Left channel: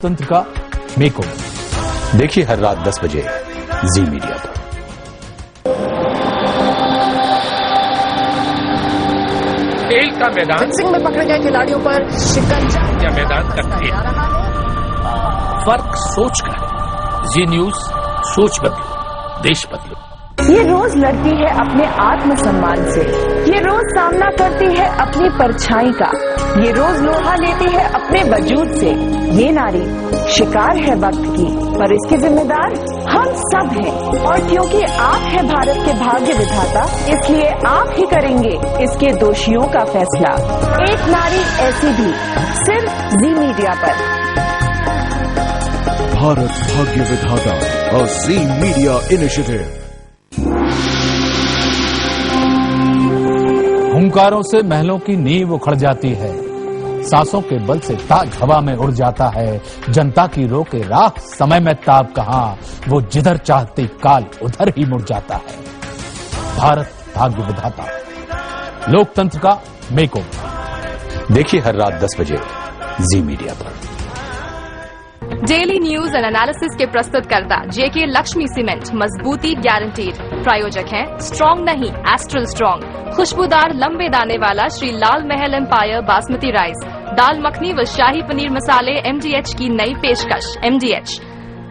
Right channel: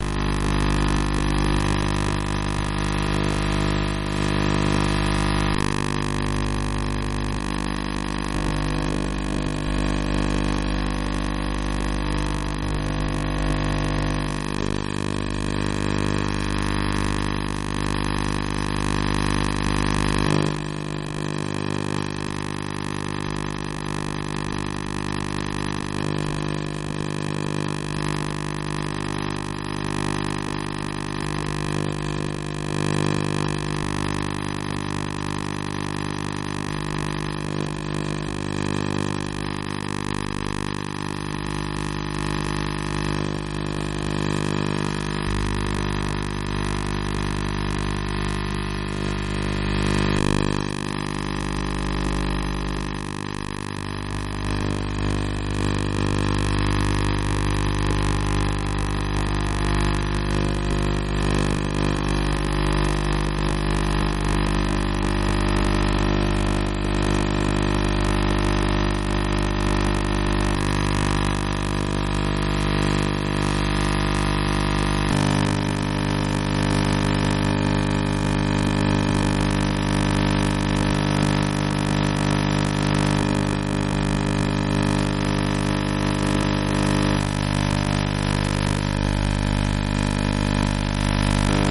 तंत्र का मेकओवर देखिए हर रात 10 बजे जी मीडिया पर। खेल का मैदान फिक्सिंग में पकड़े गए खिलाड़ियों पर शिकंजा या मैदान का खेल, फर्क सोच कर। जी न्यूज सोच बदले, देश बदले। ये रोज लड़ती है अपने आत्मसम्मान से, ये रोज सामना करती है अपनी परछाई का, ये रोज लोहा लेती है अपने वजूद से। ये नारी शिकार है वक्त की, पर इसके जिम्मेदार हम सब हैं। और क्योंकि आप हैं भारत के भाग्य विधाता, इसलिए आप ही करेंगे इसके दोषियों का फैसला। एक नारी ऐसी भी, सिर्फ जी मीडिया पर। भारत भाग्य विधाता और जी मीडिया इनिशिएटिव। हुंकारों से महलों की नींव उखड़ जाती है, सांसों के बल से ताज हवा में उड़ जाता है। जनता की रोके राह समय में ताब कहां, वो जिधर चाहती काल उधर ही मुड़ जाता है। भारत भाग्य विधाता, लोकतंत्र का मेकओवर देखिए हर रात 10 बजे जी मीडिया पर। डेली न्यूज एंड एनालिसिस के प्रस्तुतकर्ता जेके लक्ष्मी सीमेंट, मजबूती गारंटीड। प्रायोजक हैं स्ट्रॉन्ग नहीं, एस्ट्रल स्ट्रॉन्ग। खुशबूदार लंबे दाने वाला श्री लाल महल एम्पायर बासमती राइस। दाल मखनी व शाही पनीर मसाले MDH की नई पेशकश। MDH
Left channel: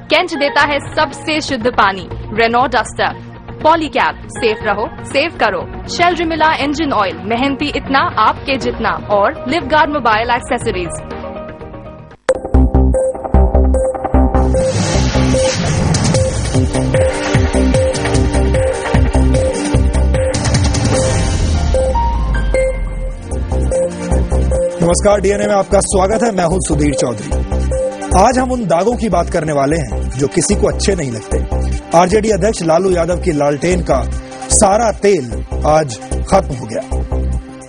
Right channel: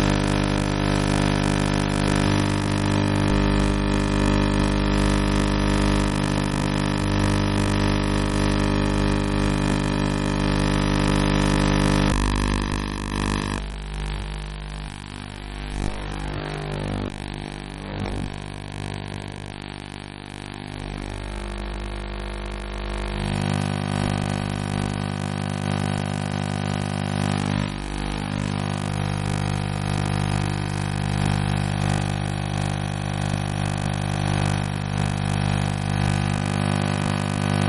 कैंच देता है सबसे शुद्ध पानी। रेनॉ डस्टर, पॉलीकैब, सेफ रहो सेव करो। शेल रिमिला इंजन ऑयल, मेहनती इतना आपके जितना। और लिवगार्ड मोबाइल एक्सेसरीज। नमस्कार, डीएनए में आपका स्वागत है। मैं हूं सुधीर चौधरी। आज हम उन दागों की बात करने वाले हैं जो किसी को अच्छे नहीं लगते। आरजेडी अध्यक्ष लालू यादव की लालटेन का सारा तेल आज खत्म हो गया।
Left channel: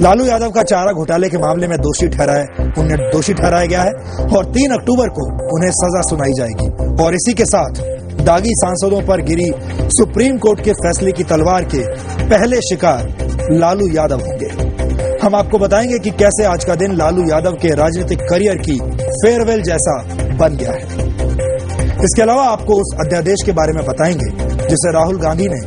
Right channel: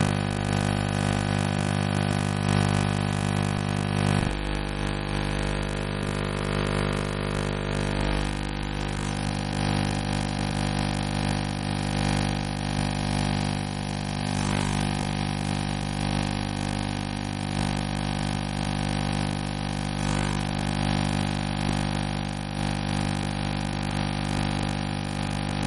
लालू यादव का चारा घोटाले के मामले में उन्हें दोषी ठहराया गया है और 3 अक्टूबर को उन्हें सजा सुनाई जाएगी। और इसी के साथ दागी सांसदों पर गिरी सुप्रीम कोर्ट के फैसले की तलवार के पहले शिकार लालू यादव होंगे। हम आपको बताएंगे कि कैसे आज का दिन लालू यादव के राजनीतिक करियर की फेयरवेल जैसा बन गया है। इसके अलावा आपको उस अध्यादेश के बारे में बताएंगे जिसे राहुल गांधी ने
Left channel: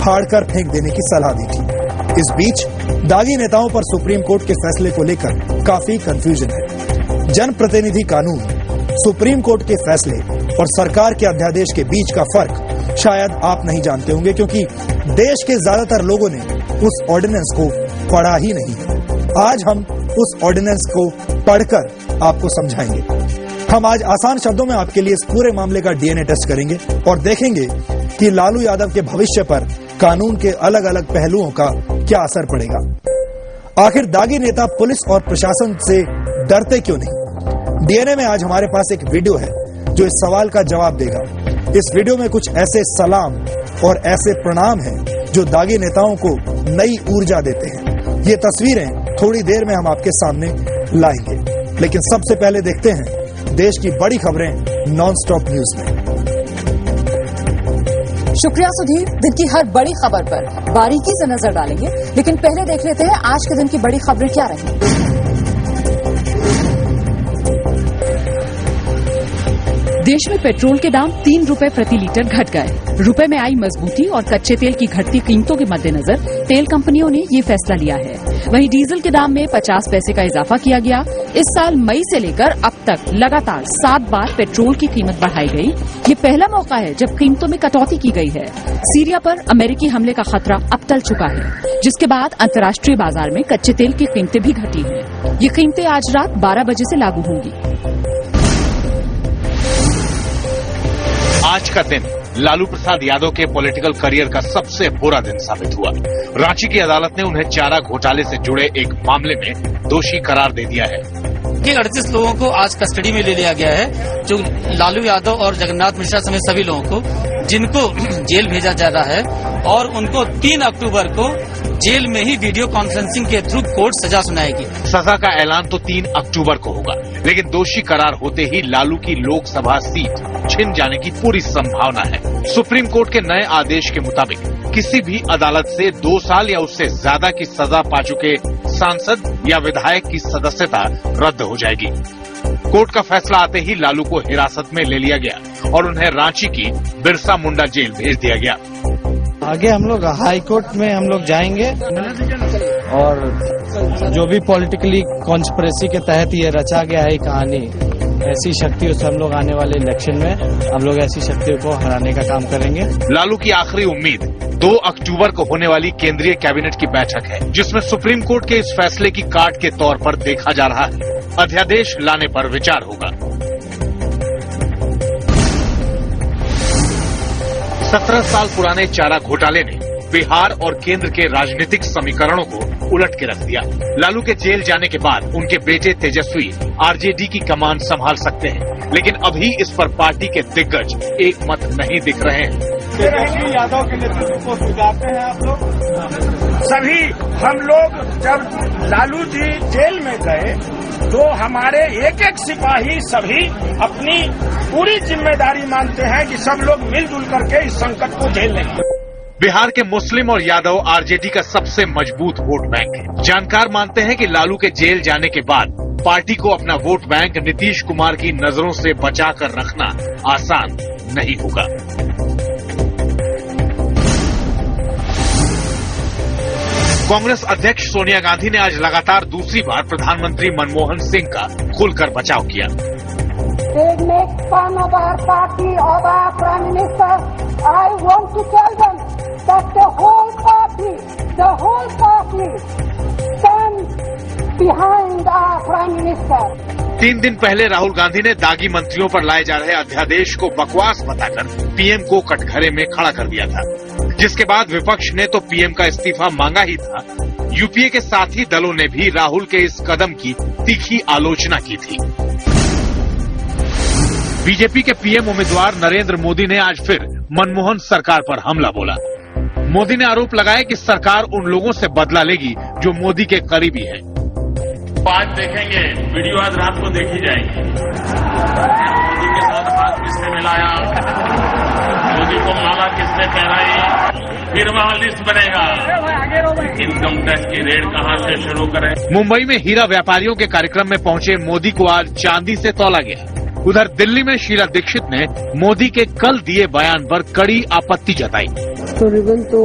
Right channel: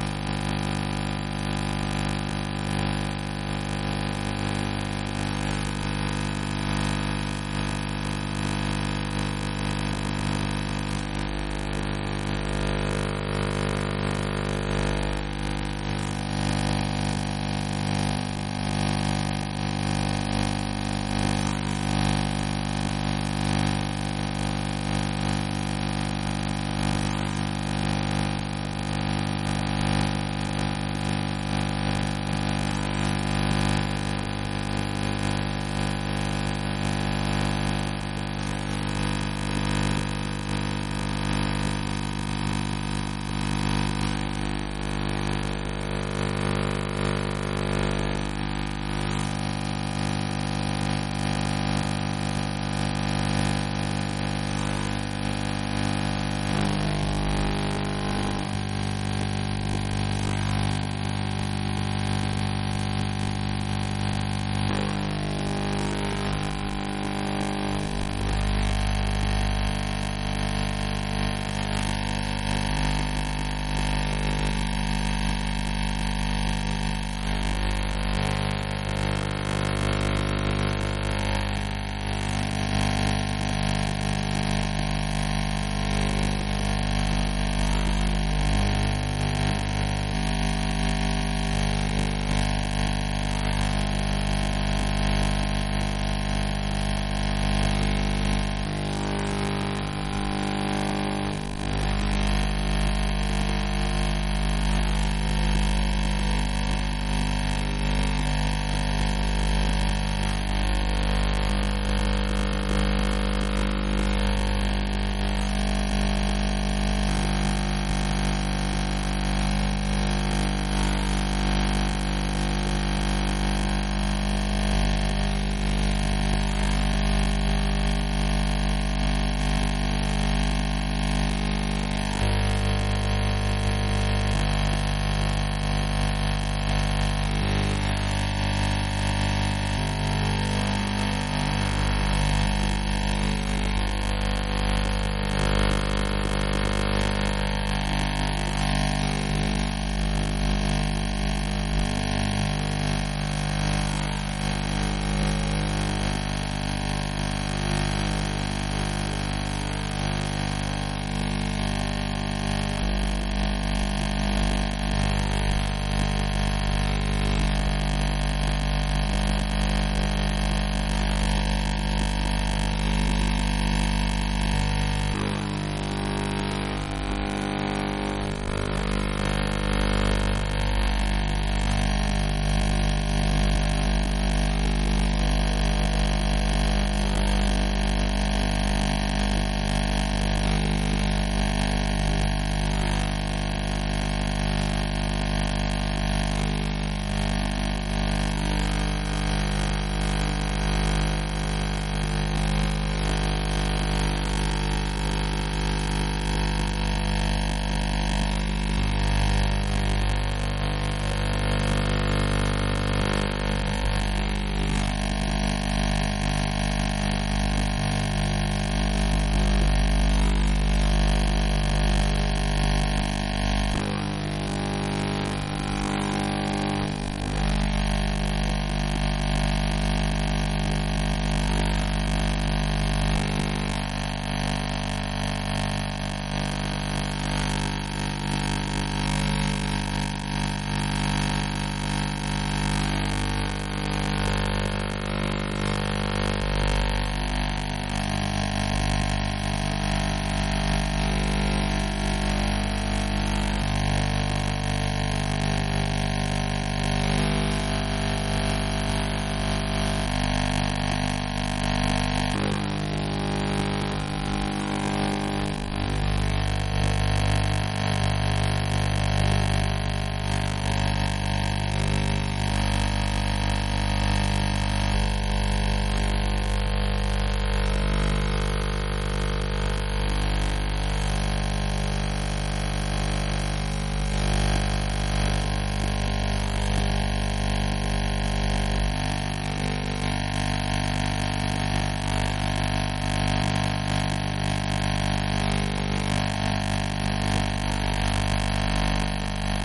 फाड़कर फेंक देने की सलाह दी थी। इस बीच दागी नेताओं पर सुप्रीम कोर्ट के फैसले को लेकर काफी कंफ्यूजन है। जनप्रतिनिधि कानून, सुप्रीम कोर्ट के फैसले और सरकार के अध्यादेश के बीच का फर्क शायद आप नहीं जानते होंगे, क्योंकि देश के ज्यादातर लोगों ने उस ऑर्डिनेंस को पढ़ा ही नहीं। आज हम उस ऑर्डिनेंस को पढ़कर आपको समझाएंगे। हम आज आसान शब्दों में आपके लिए इस पूरे मामले का डीएनए टेस्ट करेंगे और देखेंगे कि लालू यादव के भविष्य पर कानून के अलग अलग पहलुओं का क्या असर पड़ेगा। आखिर दागी नेता पुलिस और प्रशासन से डरते क्यों नहीं? डीएनए में आज हमारे पास एक वीडियो है जो इस सवाल का जवाब देगा। इस वीडियो में कुछ ऐसे सलाम और ऐसे प्रणाम हैं जो दागी नेताओं को नई ऊर्जा देते हैं। ये तस्वीरें थोड़ी देर में हम आपके सामने लाएंगे, लेकिन सबसे पहले देखते हैं देश की बड़ी खबरें नॉन स्टॉप न्यूज में। शुक्रिया सुधीर। दिन की हर बड़ी खबर पर बारीकी से नजर डालेंगे, लेकिन पहले देख लेते हैं आज के दिन की बड़ी खबरें क्या रही। देश में पेट्रोल के दाम 3 रुपए प्रति लीटर घट गए। रुपए में आई मजबूती और कच्चे तेल की घटती कीमतों के मद्देनजर तेल कंपनियों ने ये फैसला लिया है। वहीं डीजल के दाम में 50 पैसे का इजाफा किया गया। इस साल मई से लेकर अब तक लगातार 7 बार पेट्रोल की कीमत बढ़ाई गई। ये पहला मौका है जब कीमतों में कटौती की गई है। सीरिया पर अमेरिकी हमले का खतरा अब टल चुका है, जिसके बाद अंतर्राष्ट्रीय बाजार में कच्चे तेल की कीमतें भी घटी हैं। ये कीमतें आज रात 12 बजे से लागू होंगी। आज का दिन लालू प्रसाद यादव के पॉलिटिकल करियर का सबसे बुरा दिन साबित हुआ। रांची की अदालत ने उन्हें चारा घोटाले से जुड़े एक मामले में दोषी करार दे दिया है। 38 लोगों को आज कस्टडी में ले लिया गया है, जो लालू यादव और जगन्नाथ मिश्रा समेत सभी लोगों को, जिनको जेल भेजा जा रहा है और उनको 3 अक्टूबर को जेल में ही वीडियो कॉन्फ्रेंसिंग के थ्रू कोर्ट सजा सुनाएगी। सजा का ऐलान तो 3 अक्टूबर को होगा, लेकिन दोषी करार होते ही लालू की लोकसभा सीट छिन जाने की पूरी संभावना है। सुप्रीम कोर्ट के नए आदेश के मुताबिक किसी भी अदालत से 2 साल या उससे ज्यादा की सजा पा चुके सांसद या विधायक की सदस्यता रद्द हो जाएगी। कोर्ट का फैसला आते ही लालू को हिरासत में ले लिया गया और उन्हें रांची की बिरसा मुंडा जेल भेज दिया गया। आगे हम लोग हाई कोर्ट में हम लोग जाएंगे और जो भी पॉलिटिकली कॉन्स्पिरेसी के तहत ये रचा गया है कहानी, ऐसी शक्तियों से हम लोग आने वाले इलेक्शन में हम लोग ऐसी शक्तियों को हराने का काम करेंगे। लालू की आखिरी उम्मीद 2 अक्टूबर को होने वाली केंद्रीय कैबिनेट की बैठक है, जिसमें सुप्रीम कोर्ट के इस फैसले की काट के तौर पर देखा जा रहा है। अध्यादेश लाने पर विचार होगा। 17 साल पुराने चारा घोटाले ने बिहार और केंद्र के राजनीतिक समीकरणों को उलट के रख दिया। लालू के जेल जाने के बाद उनके बेटे तेजस्वी आरजेडी की कमान संभाल सकते हैं, लेकिन अभी इस पर पार्टी के दिग्गज एक मत नहीं दिख रहे हैं। तेजस्वी यादव के नेतृत्व को स्वीकारते हैं आप लोग? सभी हम लोग जब लालू जी जेल में गए तो हमारे एक एक सिपाही सभी अपनी पूरी जिम्मेदारी मानते हैं कि सब लोग मिलजुल करके इस संकट को झेल लेंगे। बिहार के मुस्लिम और यादव आरजेडी का सबसे मजबूत वोट बैंक है। जानकार मानते हैं कि लालू के जेल जाने के बाद पार्टी को अपना वोट बैंक नीतीश कुमार की नजरों से बचाकर रखना आसान नहीं होगा। कांग्रेस अध्यक्ष सोनिया गांधी ने आज लगातार दूसरी बार प्रधानमंत्री मनमोहन सिंह का खुलकर बचाव किया। तीन दिन पहले राहुल गांधी ने दागी मंत्रियों पर लाए जा रहे अध्यादेश को बकवास बताकर पीएम को कटघरे में खड़ा कर दिया था, जिसके बाद विपक्ष ने तो पीएम का इस्तीफा मांगा ही था। यूपीए के साथी दलों ने भी राहुल के इस कदम की तीखी आलोचना की थी। बीजेपी के पीएम उम्मीदवार नरेंद्र मोदी ने आज फिर मनमोहन सरकार पर हमला बोला। मोदी ने आरोप लगाया कि सरकार उन लोगों से बदला लेगी जो मोदी के करीबी हैं। आज देखेंगे, वीडियो आज रात को देखी जाएगी। मोदी के साथ हाथ किसने मिलाया, मोदी को माला किसने पहनाई, फिर वहां लिस्ट बनेगा। इनकम टैक्स की रेड कहां से शुरू करें। मुंबई में हीरा व्यापारियों के कार्यक्रम में पहुंचे मोदी को आज चांदी से तौला गया। उधर दिल्ली में शीला दीक्षित ने मोदी के कल दिए बयान पर कड़ी आपत्ति जताई। तो रिबन तो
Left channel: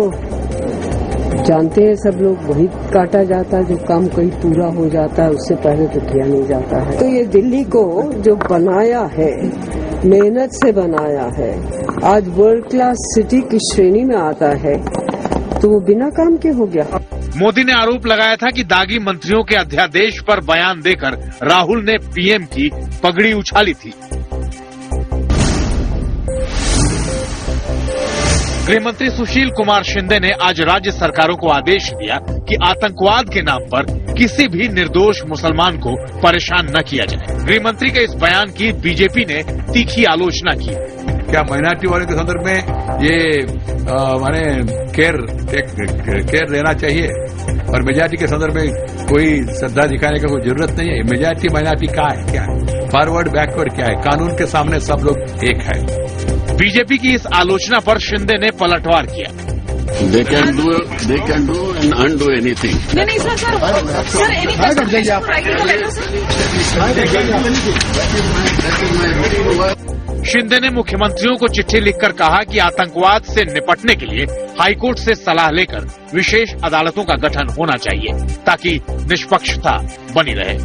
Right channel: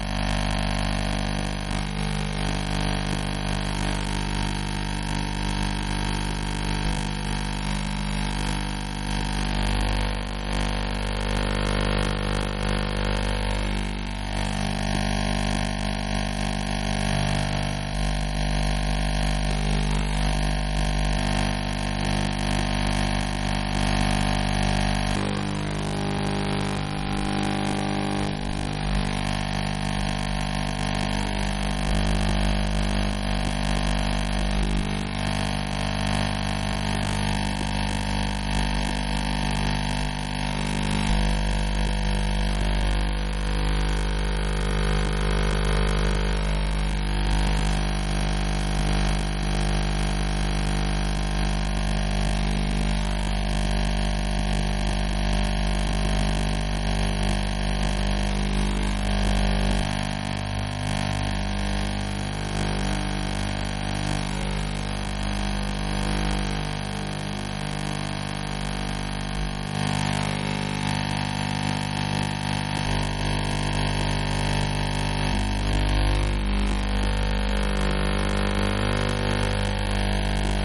जानते हैं सब लोग, वही काटा जाता है जो काम कहीं पूरा हो जाता है, उससे पहले तो किया नहीं जाता है। तो ये दिल्ली को जो बनाया है, मेहनत से बनाया है, आज वर्ल्ड क्लास सिटी की श्रेणी में आता है, तो वो बिना काम के हो गया। मोदी ने आरोप लगाया था कि दागी मंत्रियों के अध्यादेश पर बयान देकर राहुल ने पीएम की पगड़ी उछाली थी। गृहमंत्री सुशील कुमार शिंदे ने आज राज्य सरकारों को आदेश दिया कि आतंकवाद के नाम पर किसी भी निर्दोष मुसलमान को परेशान न किया जाए। गृहमंत्री के इस बयान की बीजेपी ने तीखी आलोचना की। क्या माइनॉरिटी वालों के संदर्भ में ये माने केयर लेना चाहिए और मेजॉरिटी के संदर्भ में कोई श्रद्धा दिखाने का कोई जरूरत नहीं है। मेजॉरिटी माइनॉरिटी क्या है, फॉरवर्ड बैकवर्ड क्या है, कानून के सामने सब लोग एक है। बीजेपी की इस आलोचना पर शिंदे ने पलटवार किया। They can do and undo anything. नहीं सर any शिंदे ने मुख्यमंत्रियों को चिट्ठी लिखकर कहा कि आतंकवाद से निपटने के लिए हाईकोर्ट से सलाह लेकर विशेष अदालतों का गठन होना चाहिए ताकि निष्पक्षता बनी रहे।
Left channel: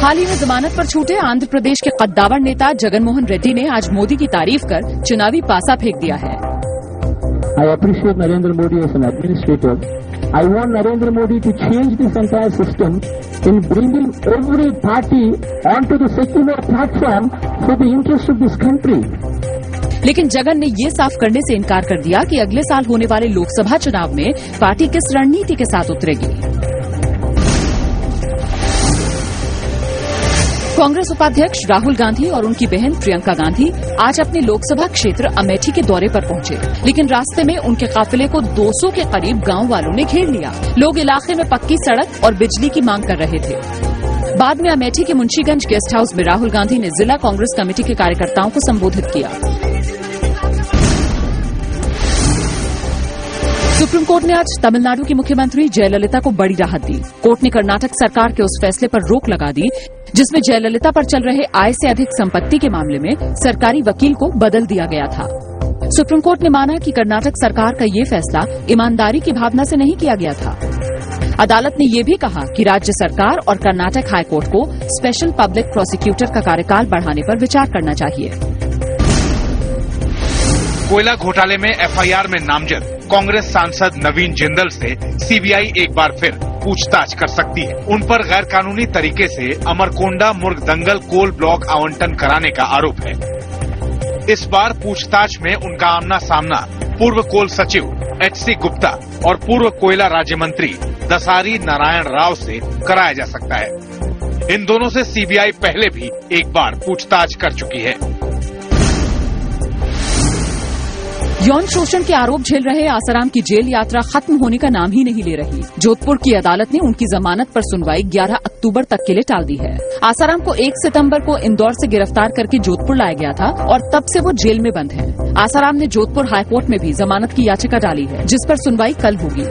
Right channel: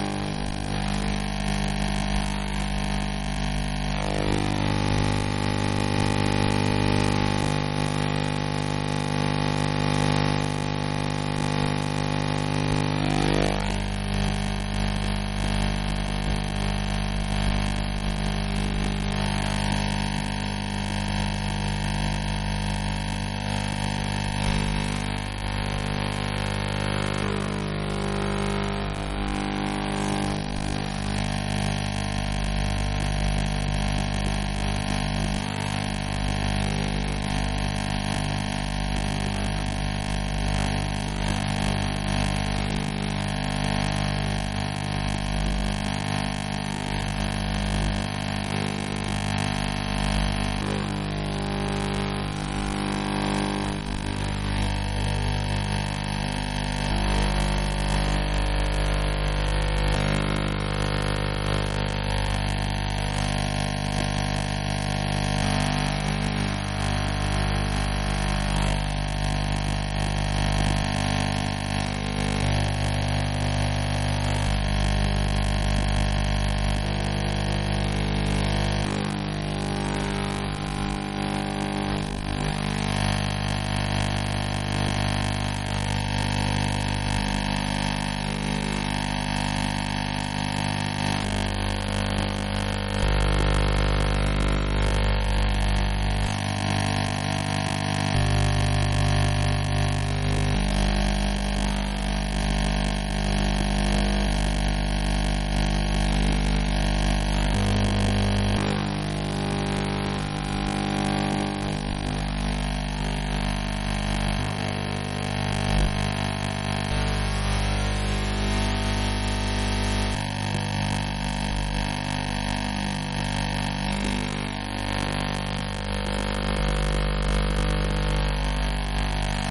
हाल ही में जमानत पर छूटे आंध्र प्रदेश के कद्दावर नेता जगनमोहन रेड्डी ने आज मोदी की तारीफ कर चुनावी पासा फेंक दिया है। I appreciate Narendra Modi as an administrator. I want Narendra Modi to change this entire system in bringing every party onto the secular platform for the interest of this country. लेकिन जगन ने ये साफ करने से इनकार कर दिया कि अगले साल होने वाले लोकसभा चुनाव में पार्टी किस रणनीति के साथ उतरेगी। कांग्रेस उपाध्यक्ष राहुल गांधी और उनकी बहन प्रियंका गांधी आज अपने लोकसभा क्षेत्र अमेठी के दौरे पर पहुंचे, लेकिन रास्ते में उनके काफिले को 200 के करीब गांव वालों ने घेर लिया। लोग इलाके में पक्की सड़क और बिजली की मांग कर रहे थे। बाद में अमेठी के मुंशीगंज गेस्ट हाउस में राहुल गांधी ने जिला कांग्रेस कमेटी के कार्यकर्ताओं को संबोधित किया। सुप्रीम कोर्ट ने आज तमिलनाडु की मुख्यमंत्री जयललिता को बड़ी राहत दी। कोर्ट ने कर्नाटक सरकार के उस फैसले पर रोक लगा दी जिसमें जयललिता पर चल रहे आय से अधिक संपत्ति के मामले में सरकारी वकील को बदल दिया गया था। सुप्रीम कोर्ट ने माना कि कर्नाटक सरकार का ये फैसला ईमानदारी की भावना से नहीं किया गया था। अदालत ने यह भी कहा कि राज्य सरकार और कर्नाटक हाईकोर्ट को स्पेशल पब्लिक प्रोसिक्यूटर का कार्यकाल बढ़ाने पर विचार करना चाहिए। कोयला घोटाले में एफआईआर में नामजद कांग्रेस सांसद नवीन जिंदल से सीबीआई एक बार फिर पूछताछ कर सकती है। उन पर गैर कानूनी तरीके से अमरकोंडा मुर्गदंगल कोल ब्लॉक आवंटन कराने का आरोप है। इस बार पूछताछ में उनका आमना सामना पूर्व कोल सचिव एचसी गुप्ता और पूर्व कोयला राज्य मंत्री दसारी नारायण राव से कराया जा सकता है। इन दोनों से सीबीआई पहले भी एक बार पूछताछ कर चुकी है। यौन शोषण के आरोप झेल रहे आसाराम की जेल यात्रा खत्म होने का नाम ही नहीं ले रही। जोधपुर की अदालत ने उनकी जमानत पर सुनवाई 11 अक्टूबर तक के लिए टाल दी है। आसाराम को 1 सितंबर को इंदौर से गिरफ्तार करके जोधपुर लाया गया था और तब से वो जेल में बंद है। आसाराम ने जोधपुर हाईकोर्ट में भी जमानत की याचिका डाली है जिस पर सुनवाई कल होगी।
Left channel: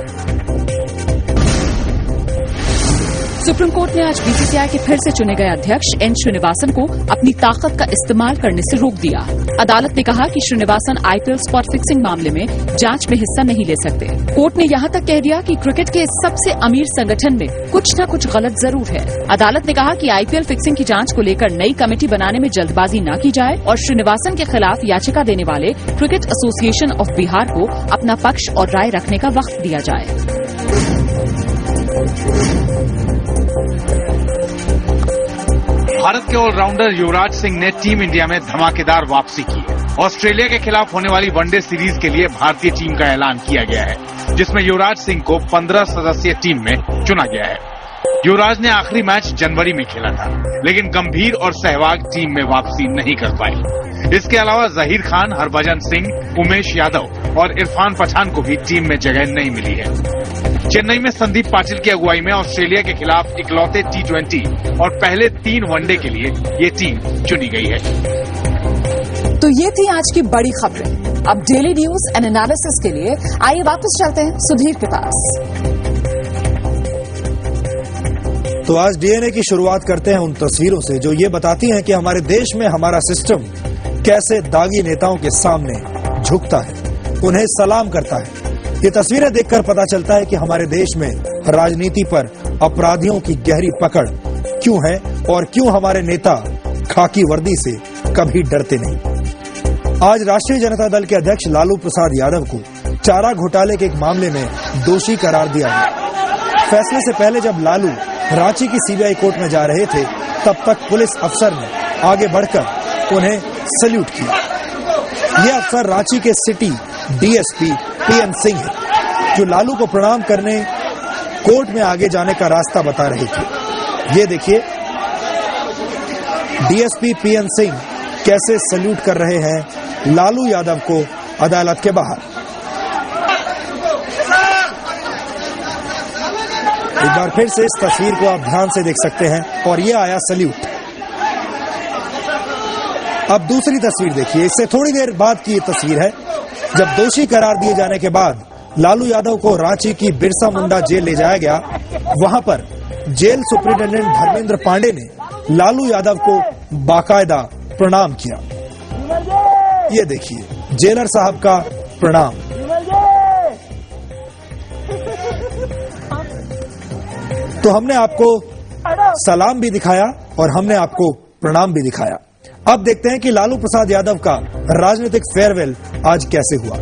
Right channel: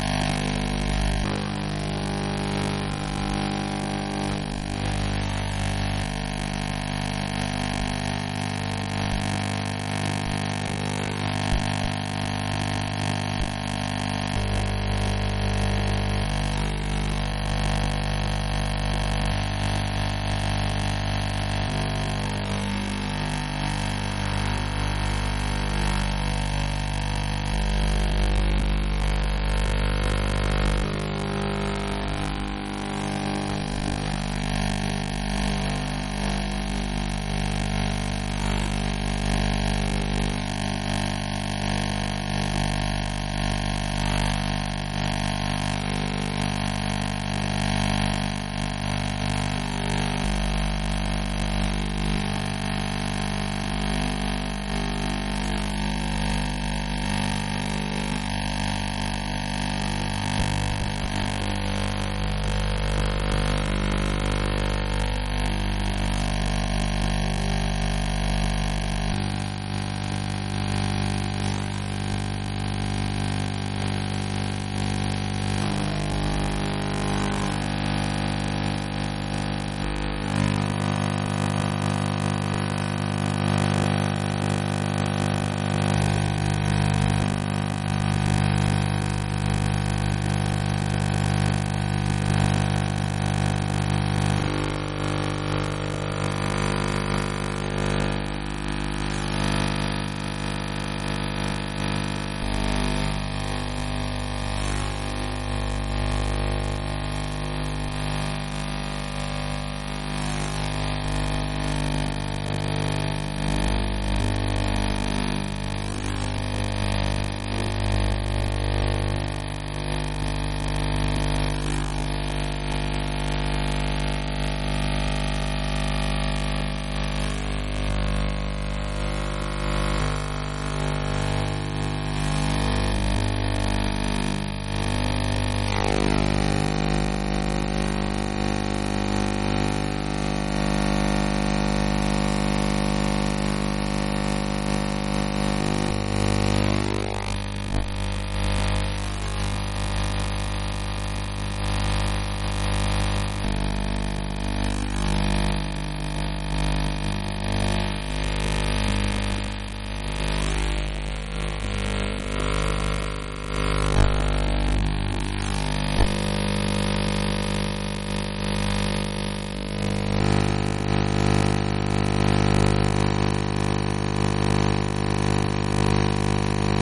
सुप्रीम कोर्ट ने आज बीसीसीआई के फिर से चुने गए अध्यक्ष एन श्रीनिवासन को अपनी ताकत का इस्तेमाल करने से रोक दिया। अदालत ने कहा कि श्रीनिवासन आईपीएल स्पॉट फिक्सिंग मामले में जांच में हिस्सा नहीं ले सकते। कोर्ट ने यहां तक कह दिया कि क्रिकेट के सबसे अमीर संगठन में कुछ न कुछ गलत जरूर है। अदालत ने कहा कि आईपीएल फिक्सिंग की जांच को लेकर नई कमेटी बनाने में जल्दबाजी न की जाए और श्रीनिवासन के खिलाफ याचिका देने वाले क्रिकेट एसोसिएशन ऑफ बिहार को अपना पक्ष और राय रखने का वक्त दिया जाए। भारत के ऑलराउंडर युवराज सिंह ने टीम इंडिया में धमाकेदार वापसी की है। ऑस्ट्रेलिया के खिलाफ होने वाली वनडे सीरीज के लिए भारतीय टीम का ऐलान किया गया है जिसमें युवराज सिंह को 15 सदस्यीय टीम में चुना गया है। युवराज ने आखिरी मैच जनवरी में खेला था लेकिन गंभीर और सहवाग टीम में वापसी नहीं कर पाई। इसके अलावा जहीर खान, हरभजन सिंह, उमेश यादव और इरफान पठान को भी टीम में जगह नहीं मिली है। चेन्नई में संदीप पाटिल की अगुवाई में ऑस्ट्रेलिया के खिलाफ इकलौते T20 और पहले 3 वनडे के लिए ये टीम चुनी गई है। तो ये थी आज की बड़ी खबरें। अब डेली न्यूज एंड एनालिसिस के लिए आइए वापस चलते हैं सुधीर के पास। तो आज डीएनए की शुरुआत करते हैं उन तस्वीरों से जो ये बताती हैं कि हमारे देश में हमारा सिस्टम कैसे दागी नेताओं के सामने झुकता है, उन्हें सलाम करता है। ये तस्वीरें देखकर पता चलता है कि हमारे देश में राजनीति पर अपराधियों की गहरी पकड़ क्यों है और क्यों हमारे नेता खाकी वर्दी से कभी डरते नहीं। आज राष्ट्रीय जनता दल के अध्यक्ष लालू प्रसाद यादव को चारा घोटाले के एक मामले में दोषी करार दिया गया। फैसले से पहले जब लालू रांची की सीबीआई कोर्ट में जा रहे थे तब तक पुलिस अफसर ने आगे बढ़कर उन्हें सैल्यूट किया। ये अफसर रांची के सिटी डीएसपी पीएन सिंह है जो लालू को प्रणाम करने कोर्ट में आगे जाने का रास्ता बता रहे थे। ये देखिए डीएसपी पीएन सिंह कैसे सैल्यूट कर रहे हैं लालू यादव को अदालत के बाहर। एक बार फिर से इस तस्वीर को आप ध्यान से देख सकते हैं और ये आया सैल्यूट। अब दूसरी तस्वीर देखिए, इससे थोड़ी देर बाद की ये तस्वीर है जब दोषी करार दिए जाने के बाद लालू यादव को रांची की बिरसा मुंडा जेल ले जाया गया। वहां पर जेल सुपरिटेंडेंट धर्मेंद्र पांडे ने लालू यादव को बाकायदा प्रणाम किया। ये देखिए जेलर साहब का प्रणाम। तो हमने आपको सलाम भी दिखाया और हमने आपको प्रणाम भी दिखाया। अब देखते हैं कि लालू प्रसाद यादव का राजनीतिक फेयरवेल आज कैसे हुआ।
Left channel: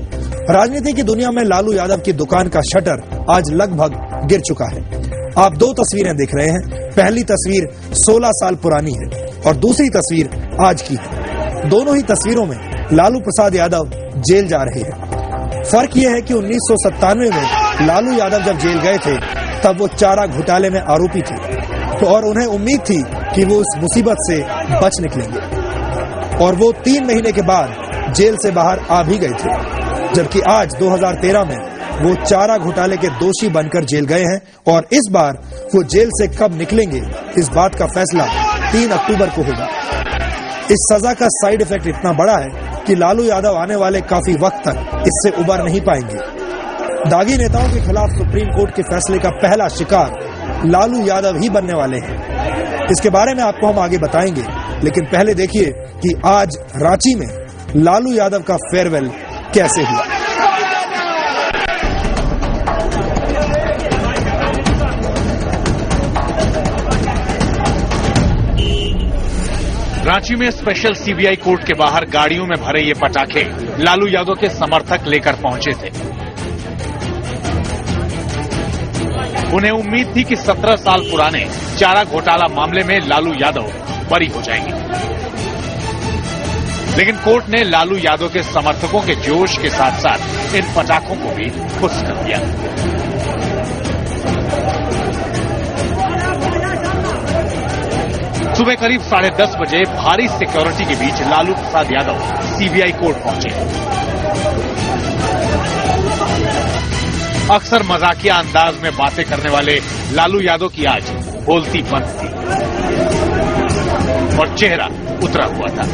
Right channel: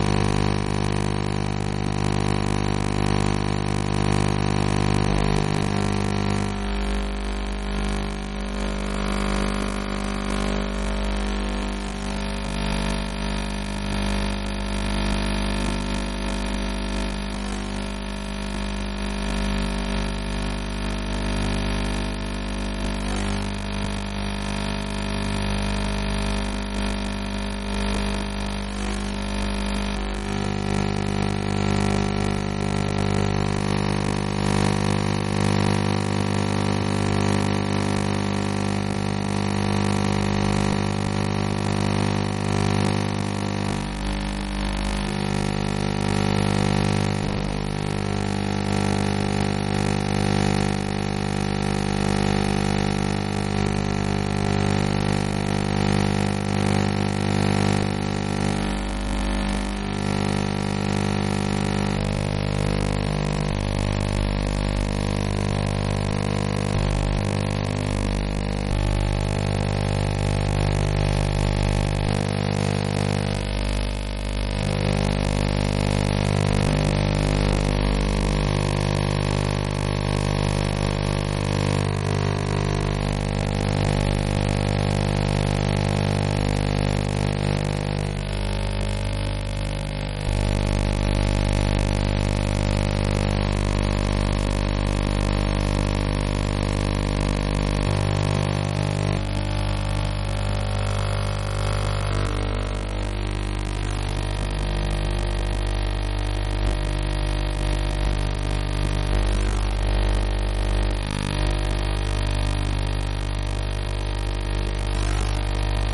राजनीति की दुनिया में लालू यादव की दुकान का शटर आज लगभग गिर चुका है। आप 2 तस्वीरें देख रहे हैं। पहली तस्वीर 16 साल पुरानी है और दूसरी तस्वीर आज की है। दोनों ही तस्वीरों में लालू प्रसाद यादव जेल जा रहे हैं। फर्क यह है कि 1997 में लालू यादव जब जेल गए थे तब वो चारा घोटाले में आरोपी थे और उन्हें उम्मीद थी कि वो इस मुसीबत से बच निकलेंगे और वो 3 महीने के बाद जेल से बाहर आ भी गए थे। जबकि आज 2013 में वो चारा घोटाले के दोषी बनकर जेल गए हैं और इस बार वो जेल से कब निकलेंगे इस बात का फैसला 3 अक्टूबर को होगा। इस सजा का साइड इफेक्ट इतना बड़ा है कि लालू यादव आने वाले काफी वक्त तक इससे उबर नहीं पाएंगे। दागी नेताओं के खिलाफ सुप्रीम कोर्ट के फैसले का पहला शिकार लालू यादव ही बनने वाले हैं। इसके बारे में आपको हम आगे बताएंगे, लेकिन पहले देखिए कि आज रांची में लालू यादव का फेयरवेल कैसे हुआ। रांची में स्पेशल सीबीआई कोर्ट के बाहर गाड़ियों में भरे ये पटाखे लालू यादव के समर्थक लेकर पहुंचे थे। उन्हें उम्मीद थी कि 17 साल पुराने चारा घोटाला मामले में लालू यादव बरी हो जाएंगे, लेकिन कोर्ट ने लालू यादव के समर्थकों के जोश के साथ साथ इन पटाखों को भी खुश कर दिया। सुबह करीब 10:30 बजे भारी सिक्योरिटी के बीच लालू प्रसाद यादव सीबीआई कोर्ट पहुंचे। अक्सर मजाकिया अंदाज में बातें करने वाले लालू यादव की आज बोलती बंद थी और चेहरा उतरा हुआ था।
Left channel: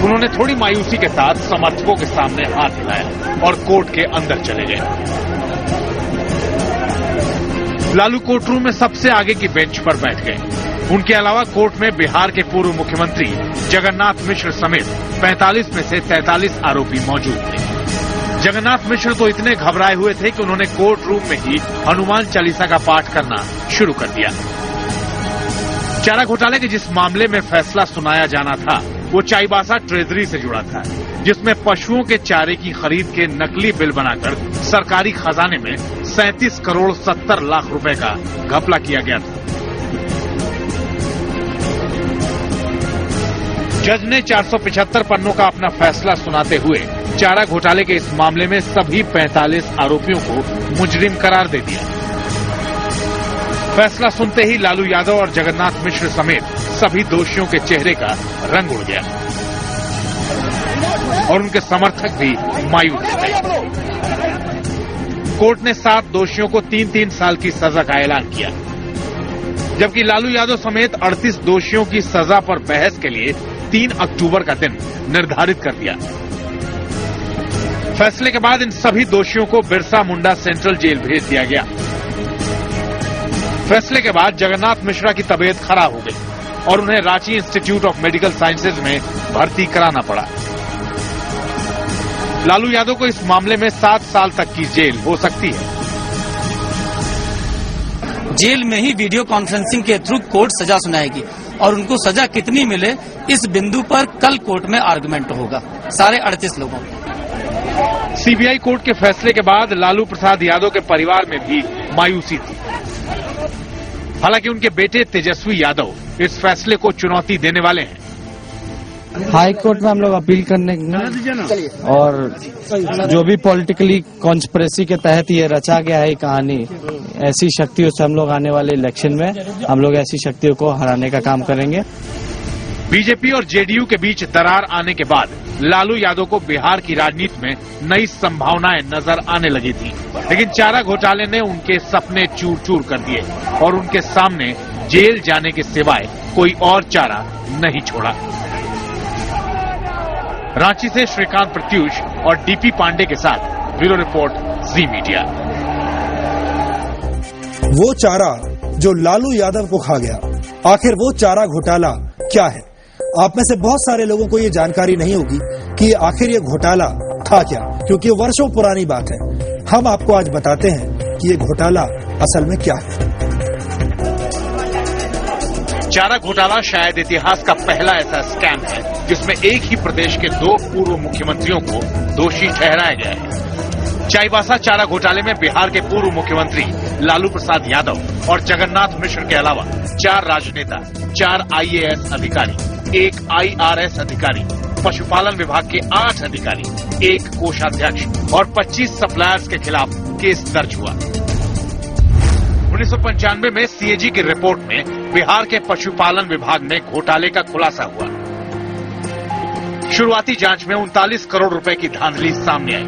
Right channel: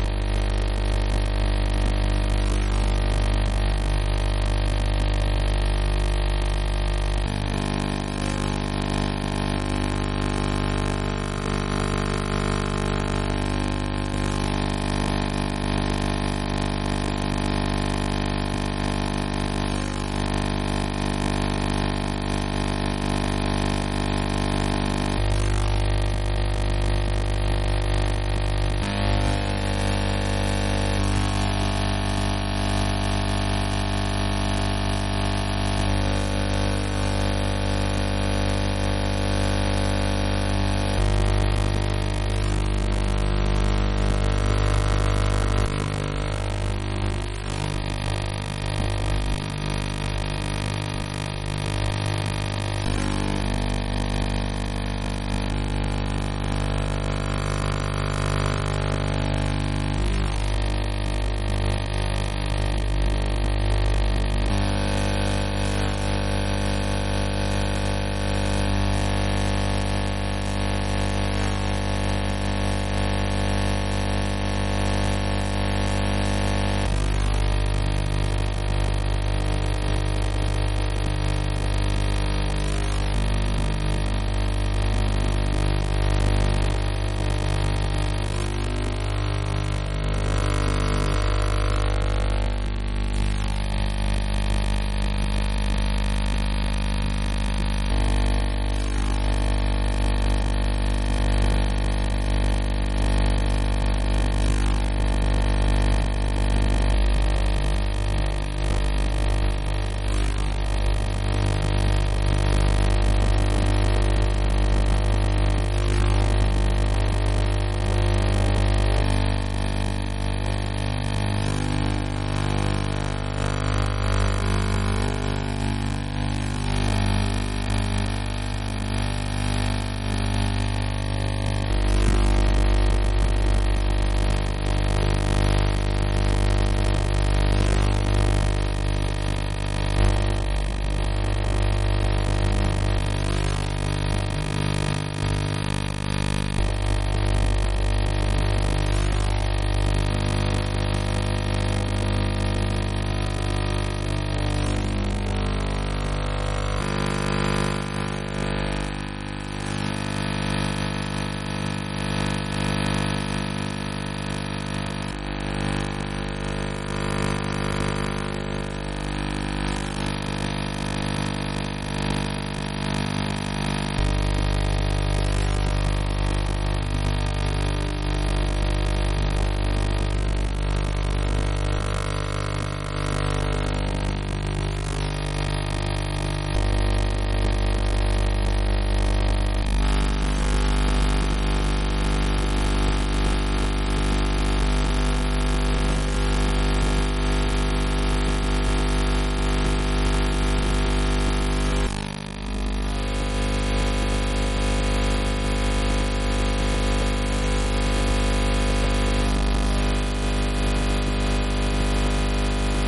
उन्होंने थोड़ी मायूसी के साथ समर्थकों के सामने हाथ हिलाया और कोर्ट के अंदर चले गए। लालू कोर्ट रूम में सबसे आगे की बेंच पर बैठ गए। उनके अलावा कोर्ट में बिहार के पूर्व मुख्यमंत्री जगन्नाथ मिश्र समेत 45 में से 43 आरोपी मौजूद थे। जगन्नाथ मिश्र तो इतने घबराए हुए थे कि उन्होंने कोर्ट रूम में ही हनुमान चालीसा का पाठ करना शुरू कर दिया। चारा घोटाले के जिस मामले में फैसला सुनाया जाना था वो चाईबासा ट्रेजरी से जुड़ा था, जिसमें पशुओं के चारे की खरीद के नकली बिल बनाकर सरकारी खजाने में 37 करोड़ 70 लाख रुपए का घपला किया गया था। जज ने 475 पन्नों का अपना फैसला सुनाते हुए चारा घोटाले के इस मामले में सभी 45 आरोपियों को मुजरिम करार दे दिया। फैसला सुनते ही लालू यादव और जगन्नाथ मिश्र समेत सभी दोषियों के चेहरे का रंग उड़ गया और उनके समर्थक भी मायूस थे। कोर्ट ने 7 दोषियों को 3-3 साल की सजा का ऐलान किया, जबकि लालू यादव समेत 38 दोषियों की सजा पर बहस के लिए 3 अक्टूबर का दिन निर्धारित कर दिया। फैसले के बाद इन सभी दोषियों को बिरसा मुंडा सेंट्रल जेल भेज दिया गया। फैसले के बाद जगन्नाथ मिश्रा की तबीयत खराब हो गई और उन्हें Ranchi institute of medical sciences में भर्ती कराना पड़ा। लालू यादव को इस मामले में 7 साल तक की जेल हो सकती है। जेल में ही वीडियो कॉन्फ्रेंसिंग के थ्रू कोर्ट सजा सुनाएगी और उनको सजा कितनी मिले इस बिंदु पर कल कोर्ट में आर्गुमेंट होगा सारे 38 लोगों को। सीबीआई कोर्ट के फैसले के बाद लालू प्रसाद यादव के परिवार में भी मायूसी थी। हालांकि उनके बेटे तेजस्वी यादव इस फैसले को चुनौती देने वाले हैं। हाई कोर्ट में हम लोग अपील करने और जो भी पॉलिटिकली कॉन्स्पिरेसी के तहत ये रचा गया है कहानी, ऐसी शक्तियों से हम लोग आने वाले इलेक्शन में हम लोग ऐसी शक्तियों को हराने का काम करेंगे। बीजेपी और जेडीयू के बीच दरार आने के बाद लालू यादव को बिहार की राजनीति में नई संभावनाएं नजर आने लगी थी, लेकिन चारा घोटाले ने उनके सपने चूर चूर कर दिए और उनके सामने जेल जाने के सिवाय कोई और चारा नहीं छोड़ा। रांची से श्रीकांत प्रत्यूष और डीपी पांडे के साथ ब्यूरो रिपोर्ट जी मीडिया। वो चारा जो लालू यादव को खा गया, आखिर वो चारा घोटाला क्या है? आप में से बहुत सारे लोगों को ये जानकारी नहीं होगी कि आखिर ये घोटाला था क्या, क्योंकि ये वर्षों पुरानी बात है। हम आपको आज बताते हैं कि ये घोटाला असल में क्या है। चारा घोटाला शायद इतिहास का पहला ऐसा स्कैम है जिसमें एक ही प्रदेश के 2 पूर्व मुख्यमंत्रियों को दोषी ठहराया गया है। चाईबासा चारा घोटाले में बिहार के पूर्व मुख्यमंत्री लालू प्रसाद यादव और जगन्नाथ मिश्र के अलावा 4 राजनेता, 4 IAS अधिकारी, 1 IRS अधिकारी, पशुपालन विभाग के 8 अधिकारी, 1 कोषाध्यक्ष और 25 सप्लायर्स के खिलाफ केस दर्ज हुआ। 1995 में CAG की रिपोर्ट में बिहार के पशुपालन विभाग में घोटाले का खुलासा हुआ। शुरुआती जांच में 39 करोड़ रुपए की धांधली सामने आई।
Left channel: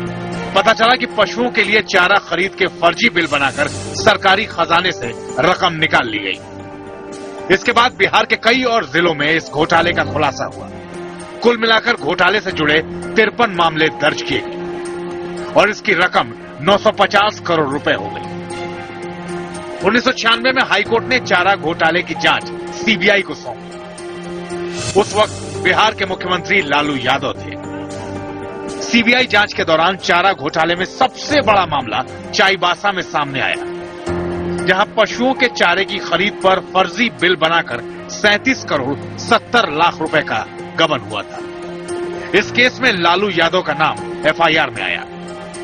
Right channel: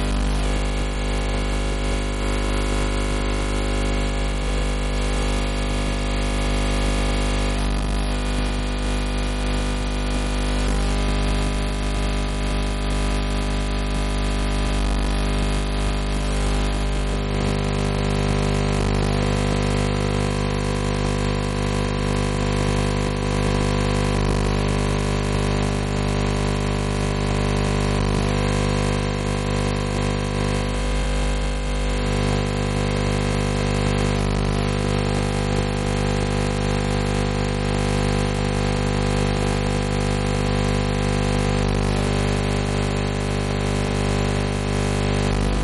पता चला कि पशुओं के लिए चारा खरीद के फर्जी बिल बनाकर सरकारी खजाने से रकम निकाल ली गई। इसके बाद बिहार के कई और जिलों में इस घोटाले का खुलासा हुआ। कुल मिलाकर घोटाले से जुड़े 53 मामले दर्ज किए गए। और इसकी रकम 950 करोड़ रुपए हो गई। 1996 में हाईकोर्ट ने चारा घोटाले की जांच सीबीआई को सौंपी। उस वक्त बिहार के मुख्यमंत्री लालू यादव थे। सीबीआई जांच के दौरान चारा घोटाले में सबसे बड़ा मामला चाईबासा में सामने आया, जहां पशुओं के चारे की खरीद पर फर्जी बिल बनाकर 37 करोड़ 70 लाख रुपए का गबन हुआ था। इस केस में लालू यादव का नाम एफआईआर में आया,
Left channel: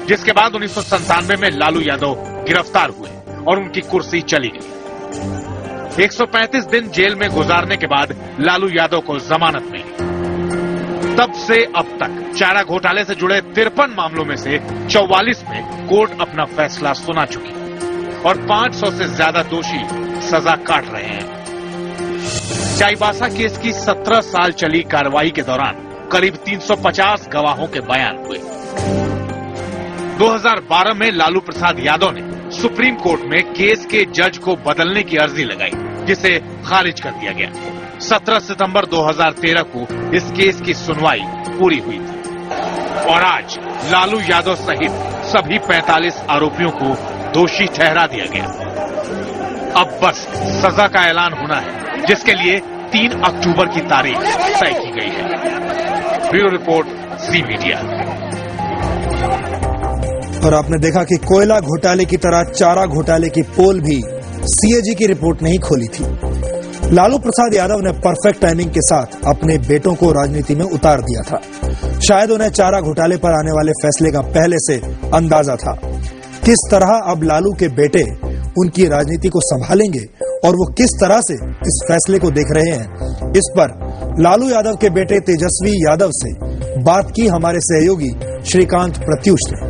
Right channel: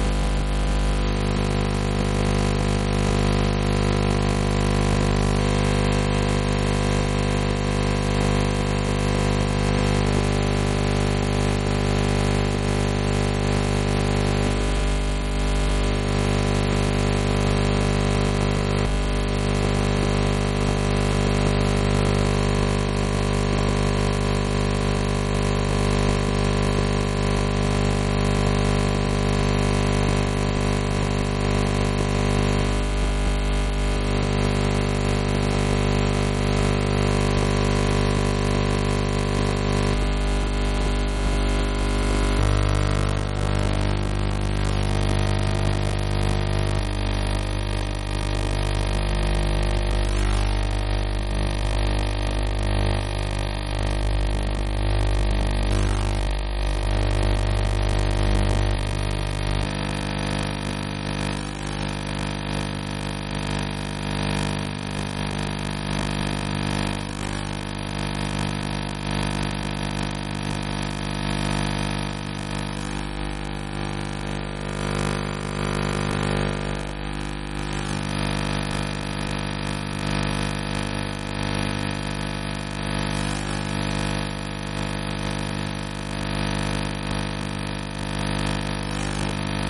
जिसके बाद 1997 में लालू यादव गिरफ्तार हुए और उनकी कुर्सी चली गई। 135 दिन जेल में गुजारने के बाद लालू यादव को जमानत मिली। तब से अब तक चारा घोटाले से जुड़े 53 मामलों में से 44 में कोर्ट अपना फैसला सुना चुकी है और 500 से ज्यादा दोषी सजा काट रहे हैं। चाईबासा केस की 17 साल चली कार्रवाई के दौरान करीब 350 गवाहों के बयान हुए। 2012 में लालू प्रसाद यादव ने सुप्रीम कोर्ट में केस के जज को बदलने की अर्जी लगाई, जिसे खारिज कर दिया गया। 17 सितंबर 2013 को इस केस की सुनवाई पूरी हुई और आज लालू यादव सहित सभी 45 आरोपियों को दोषी ठहरा दिया गया। अब बस सजा का ऐलान होना है, जिसके लिए 3 अक्टूबर की तारीख तय की गई है। ब्यूरो रिपोर्ट, जी मीडिया। और आपने देखा कि कोयला घोटाले की तरह चारा घोटाले की पोल भी सीएजी की रिपोर्ट नहीं खोली थी। लालू प्रसाद यादव ने परफेक्ट टाइमिंग के साथ अपने बेटों को राजनीति में उतार दिया था। शायद उन्हें चारा घोटाले पर आने वाले फैसले का पहले से अंदाजा था। किस तरह अब लालू के बेटे उनकी राजनीति को संभालेंगे और वो किस तरह से इस फैसले को देख रहे हैं, इस पर लालू यादव के बेटे तेजस्वी यादव से बात की हमारे सहयोगी श्रीकांत प्रत्युष ने।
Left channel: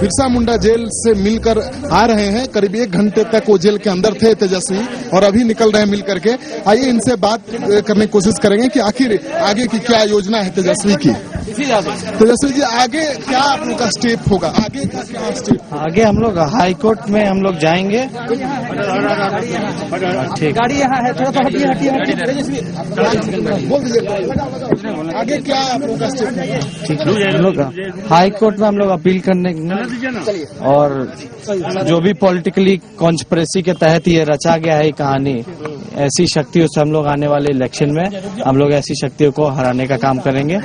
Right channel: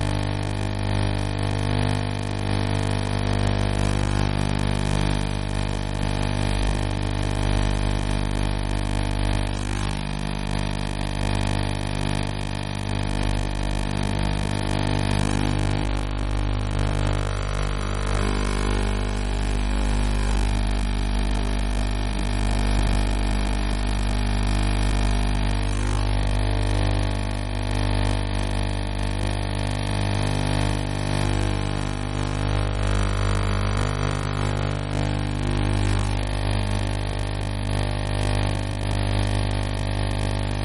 बिरसा मुंडा जेल से मिलकर आ रहे हैं। करीब 1 घंटे तक वो जेल के अंदर थे तेजस्वी, और अभी निकल रहे हैं मिल करके। आइए इनसे बात करने की कोशिश करेंगे कि आखिर आगे की क्या योजना है तेजस्वी की। तेजस्वी जी, आगे क्या आप लोग का स्टेप होगा? आगे हम लोग हाई कोर्ट में हम लोग जाएंगे। ठीक, गाड़ी यहाँ है, थोड़ा सा हटिए हटिए बोल दीजिए। आगे क्या आप लोग का स्टेप है? ठीक है, हम लोग हाई कोर्ट में हम लोग अपील करने और जो भी पॉलिटिकली कॉन्स्पिरेसी के तहत ये रचा गया है कहानी, ऐसी शक्तियों से हम लोग आने वाले इलेक्शन में हम लोग ऐसी शक्तियों को हराने का काम करेंगे।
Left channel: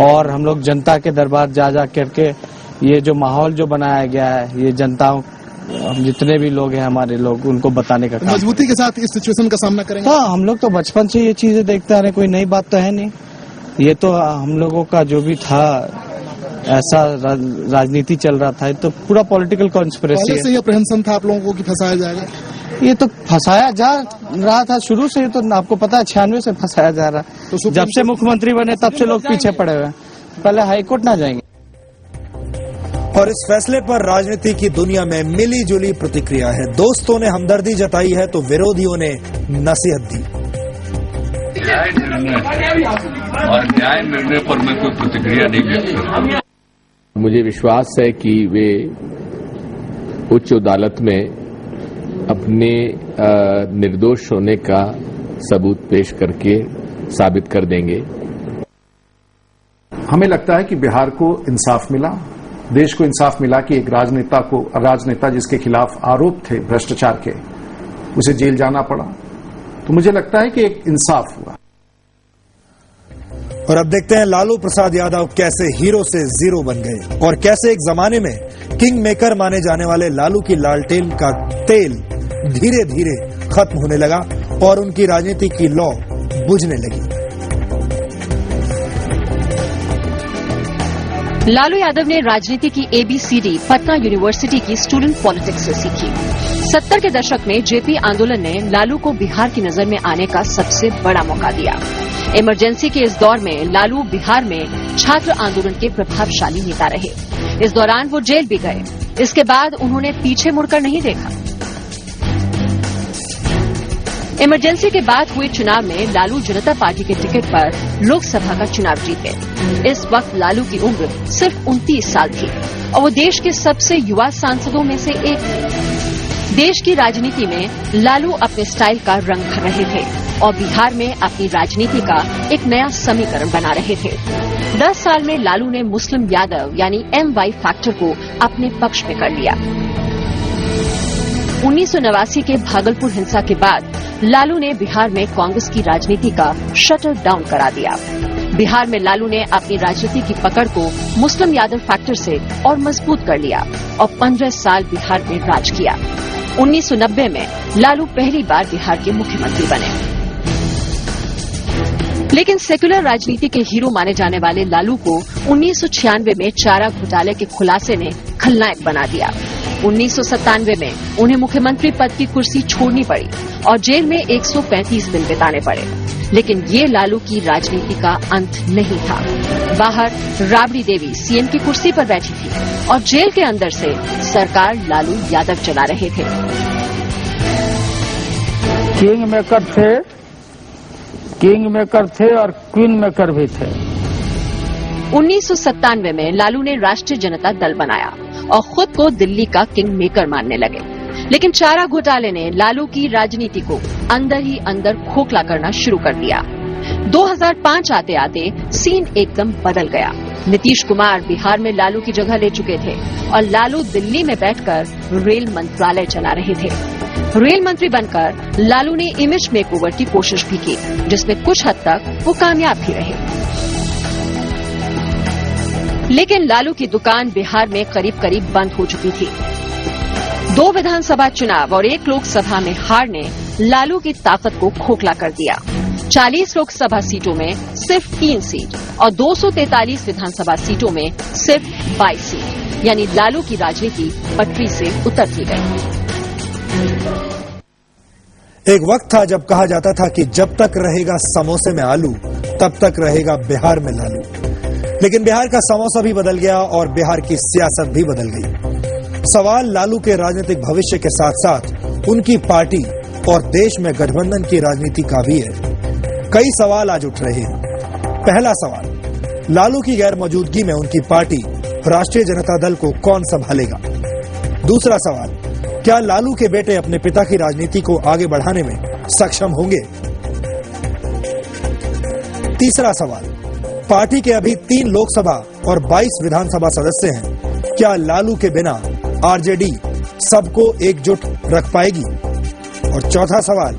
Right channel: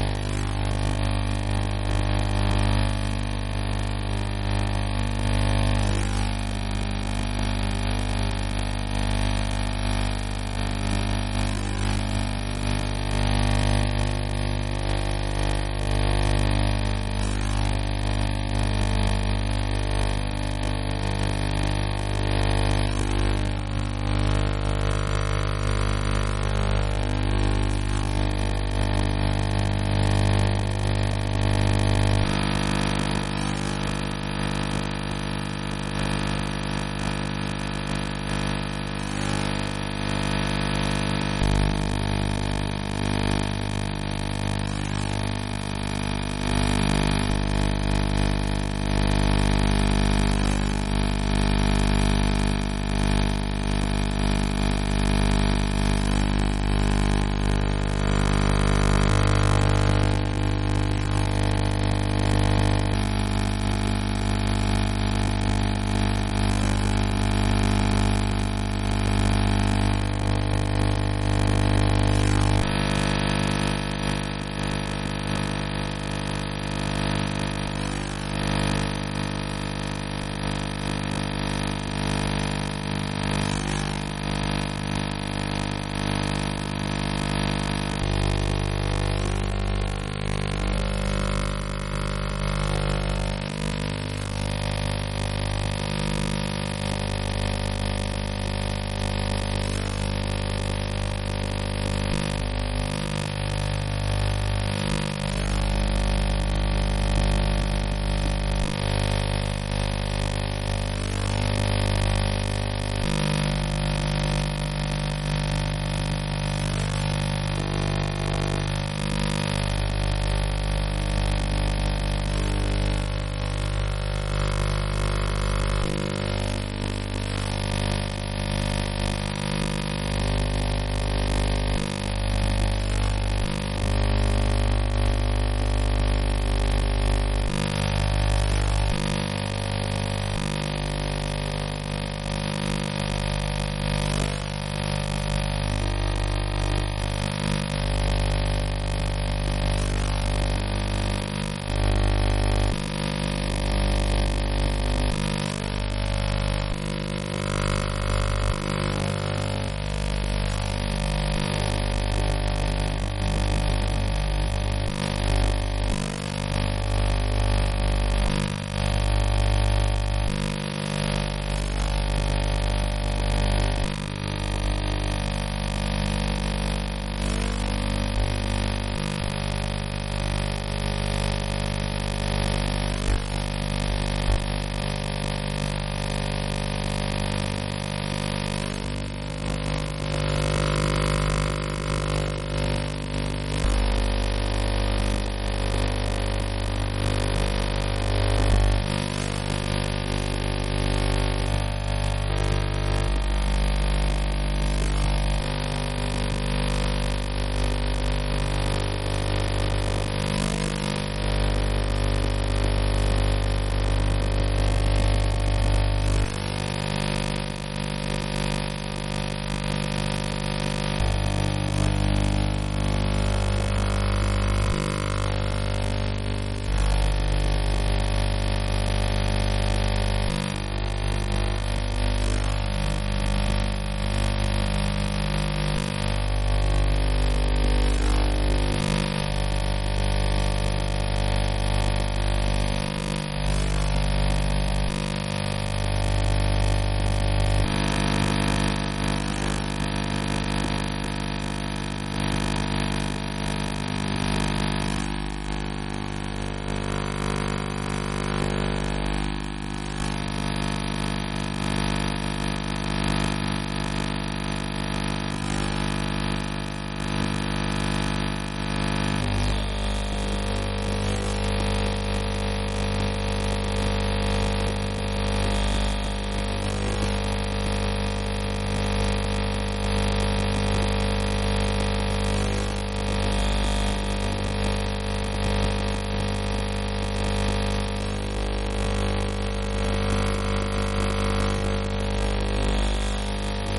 और हम लोग जनता के दरबार जा जा करके ये जो माहौल जो बनाया गया है, ये जनता जितने भी लोग हैं हमारे लोग, उनको बताने का काम। मजबूती के साथ इस सिचुएशन का सामना करेंगे। हाँ, हम लोग तो बचपन से ये चीजें देखते आ रहे, कोई नई बात तो है नहीं। ये तो हम लोगों का जो भी था, ऐसा राजनीति चल रहा था, तो पूरा पॉलिटिकल कॉन्स्पिरेसी पहले से ही अप्रहेंशन था आप लोगों को कि फंसाया जाएगा। ये तो फंसाया जा रहा था शुरू से, तो आपको पता है 96 से फंसाया जा रहा है। तो जब से मुख्यमंत्री बने तब से लोग पीछे पड़े हुए हैं। पहले हाईकोर्ट ना जाएंगे। और इस फैसले पर राजनीति की दुनिया में मिली जुली प्रतिक्रिया है। दोस्तों ने हमदर्दी जताई है तो विरोधियों ने नसीहत दी। न्याय निर्णय और न्याय निर्णय पर मैं कोई प्रतिक्रिया नहीं व्यक्त करता। मुझे विश्वास है कि वे उच्च अदालत में अपने निर्दोष होने का सबूत पेश करके साबित कर देंगे। हमें लगता है कि बिहार को इंसाफ मिला, देश को इंसाफ मिला कि एक राजनेता जिसके खिलाफ आरोप थे भ्रष्टाचार के, उसे जेल जाना पड़ा। तो मुझे लगता है कि एक इंसाफ हुआ। और अब देखते हैं लालू प्रसाद यादव कैसे हीरो से जीरो बन गए और कैसे एक जमाने में किंग मेकर माने जाने वाले लालू की लालटेन का तेल धीरे धीरे खत्म होने लगा और उनकी राजनीति की लौ बुझने लगी। लालू यादव ने राजनीति की ABCD पटना यूनिवर्सिटी की स्टूडेंट पॉलिटिक्स से सीखी। 70 के दशक में जेपी आंदोलन ने लालू को बिहार की नजर में आने का सबसे बड़ा मौका दिया। इमरजेंसी के इस दौर में लालू बिहार में छात्र आंदोलन के प्रभावशाली नेता रहे। इस दौरान वो जेल भी गए। इसके बाद उन्होंने पीछे मुड़कर नहीं देखा। इमरजेंसी के बाद हुए चुनाव में लालू जनता पार्टी के टिकट पर लोकसभा का चुनाव जीते। इस वक्त लालू की उम्र सिर्फ 29 साल थी और वो देश के सबसे युवा सांसदों में से एक थे। देश की राजनीति में लालू अपने स्टाइल का रंग भर रहे थे और बिहार में अपनी राजनीति का एक नया समीकरण बना रहे थे। 10 साल में लालू ने मुस्लिम यादव यानी MY फैक्टर को अपने पक्ष में कर लिया। 1989 के भागलपुर हिंसा के बाद लालू ने बिहार में कांग्रेस की राजनीति का शटर डाउन करा दिया। बिहार में लालू ने अपनी राजनीति की पकड़ को मुस्लिम यादव फैक्टर से और मजबूत कर लिया और 15 साल बिहार में राज किया। 1990 में लालू पहली बार बिहार के मुख्यमंत्री बने। लेकिन सेक्युलर राजनीति के हीरो माने जाने वाले लालू को 1996 में चारा घोटाले के खुलासे ने खलनायक बना दिया। 1997 में उन्हें मुख्यमंत्री पद की कुर्सी छोड़नी पड़ी और जेल में 135 दिन बिताने पड़े। लेकिन ये लालू की राजनीति का अंत नहीं था। बाहर राबड़ी देवी सीएम की कुर्सी पर बैठी थी और जेल के अंदर से सरकार लालू यादव चला रहे थे। किंग मेकर थे और क्वीन मेकर भी थे। 1997 में लालू ने राष्ट्रीय जनता दल बनाया और खुद को दिल्ली का किंग मेकर मानने लगे। लेकिन चारा घोटाले ने लालू की राजनीति को अंदर ही अंदर खोखला करना शुरू कर दिया। 2005 आते आते सीन एकदम बदल गया। नीतीश कुमार बिहार में लालू की जगह ले चुके थे और लालू दिल्ली में बैठकर रेल मंत्रालय चला रहे थे। रेल मंत्री बनकर लालू ने इमेज मेकओवर की कोशिश भी की, जिसमें कुछ हद तक वो कामयाब भी रहे। लेकिन लालू की दुकान बिहार में करीब करीब बंद हो चुकी थी। 2 विधानसभा चुनाव और 1 लोकसभा में हार ने लालू की ताकत को खोखला कर दिया। 40 लोकसभा सीटों में सिर्फ 3 सीट और 243 विधानसभा सीटों में सिर्फ 22 सीट, यानी लालू की राजनीति पटरी से उतरती गई। एक वक्त था जब कहा जाता था कि जब तक रहेगा समोसे में आलू तब तक रहेगा बिहार में लालू। लेकिन बिहार का समोसा भी बदल गया और बिहार की सियासत भी बदल गई। सवाल लालू के राजनीतिक भविष्य के साथ साथ उनकी पार्टी और देश में गठबंधन की राजनीति का भी है। कई सवाल आज उठ रहे हैं। पहला सवाल, लालू की गैर मौजूदगी में उनकी पार्टी राष्ट्रीय जनता दल को कौन संभालेगा? दूसरा सवाल, क्या लालू के बेटे अपने पिता की राजनीति को आगे बढ़ाने में सक्षम होंगे? तीसरा सवाल, पार्टी के अभी 3 लोकसभा और 22 विधानसभा सदस्य हैं। क्या लालू के बिना आरजेडी सबको एकजुट रख पाएगी? और चौथा सवाल,